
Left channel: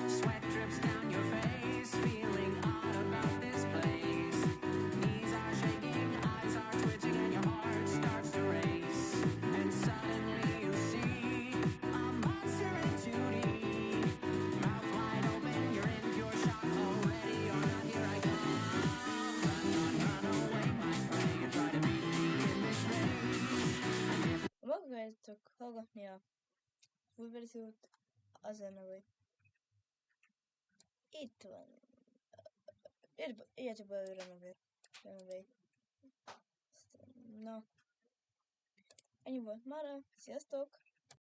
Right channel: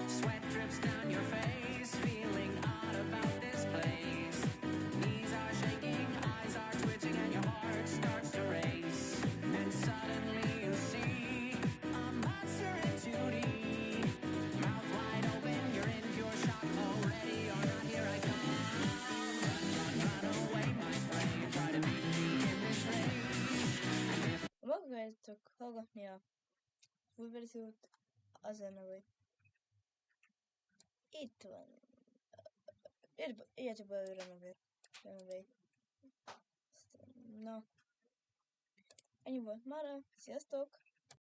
Sweat drips down your face, feeling odd about this place. Knees are shaking, eyes are twitching, and your heart starts to race. And suddenly you see a monster in 2D. Mouth wide open, you're in pure shock. Oh, ready or not, here I come. Run away, my prey. You try to beat me in this race. And if Magadjátok hallgatni a full verziót, az a neve. Itt van. Írjátok be őre neve. Na. Ennyi volt mára. Sziasztok!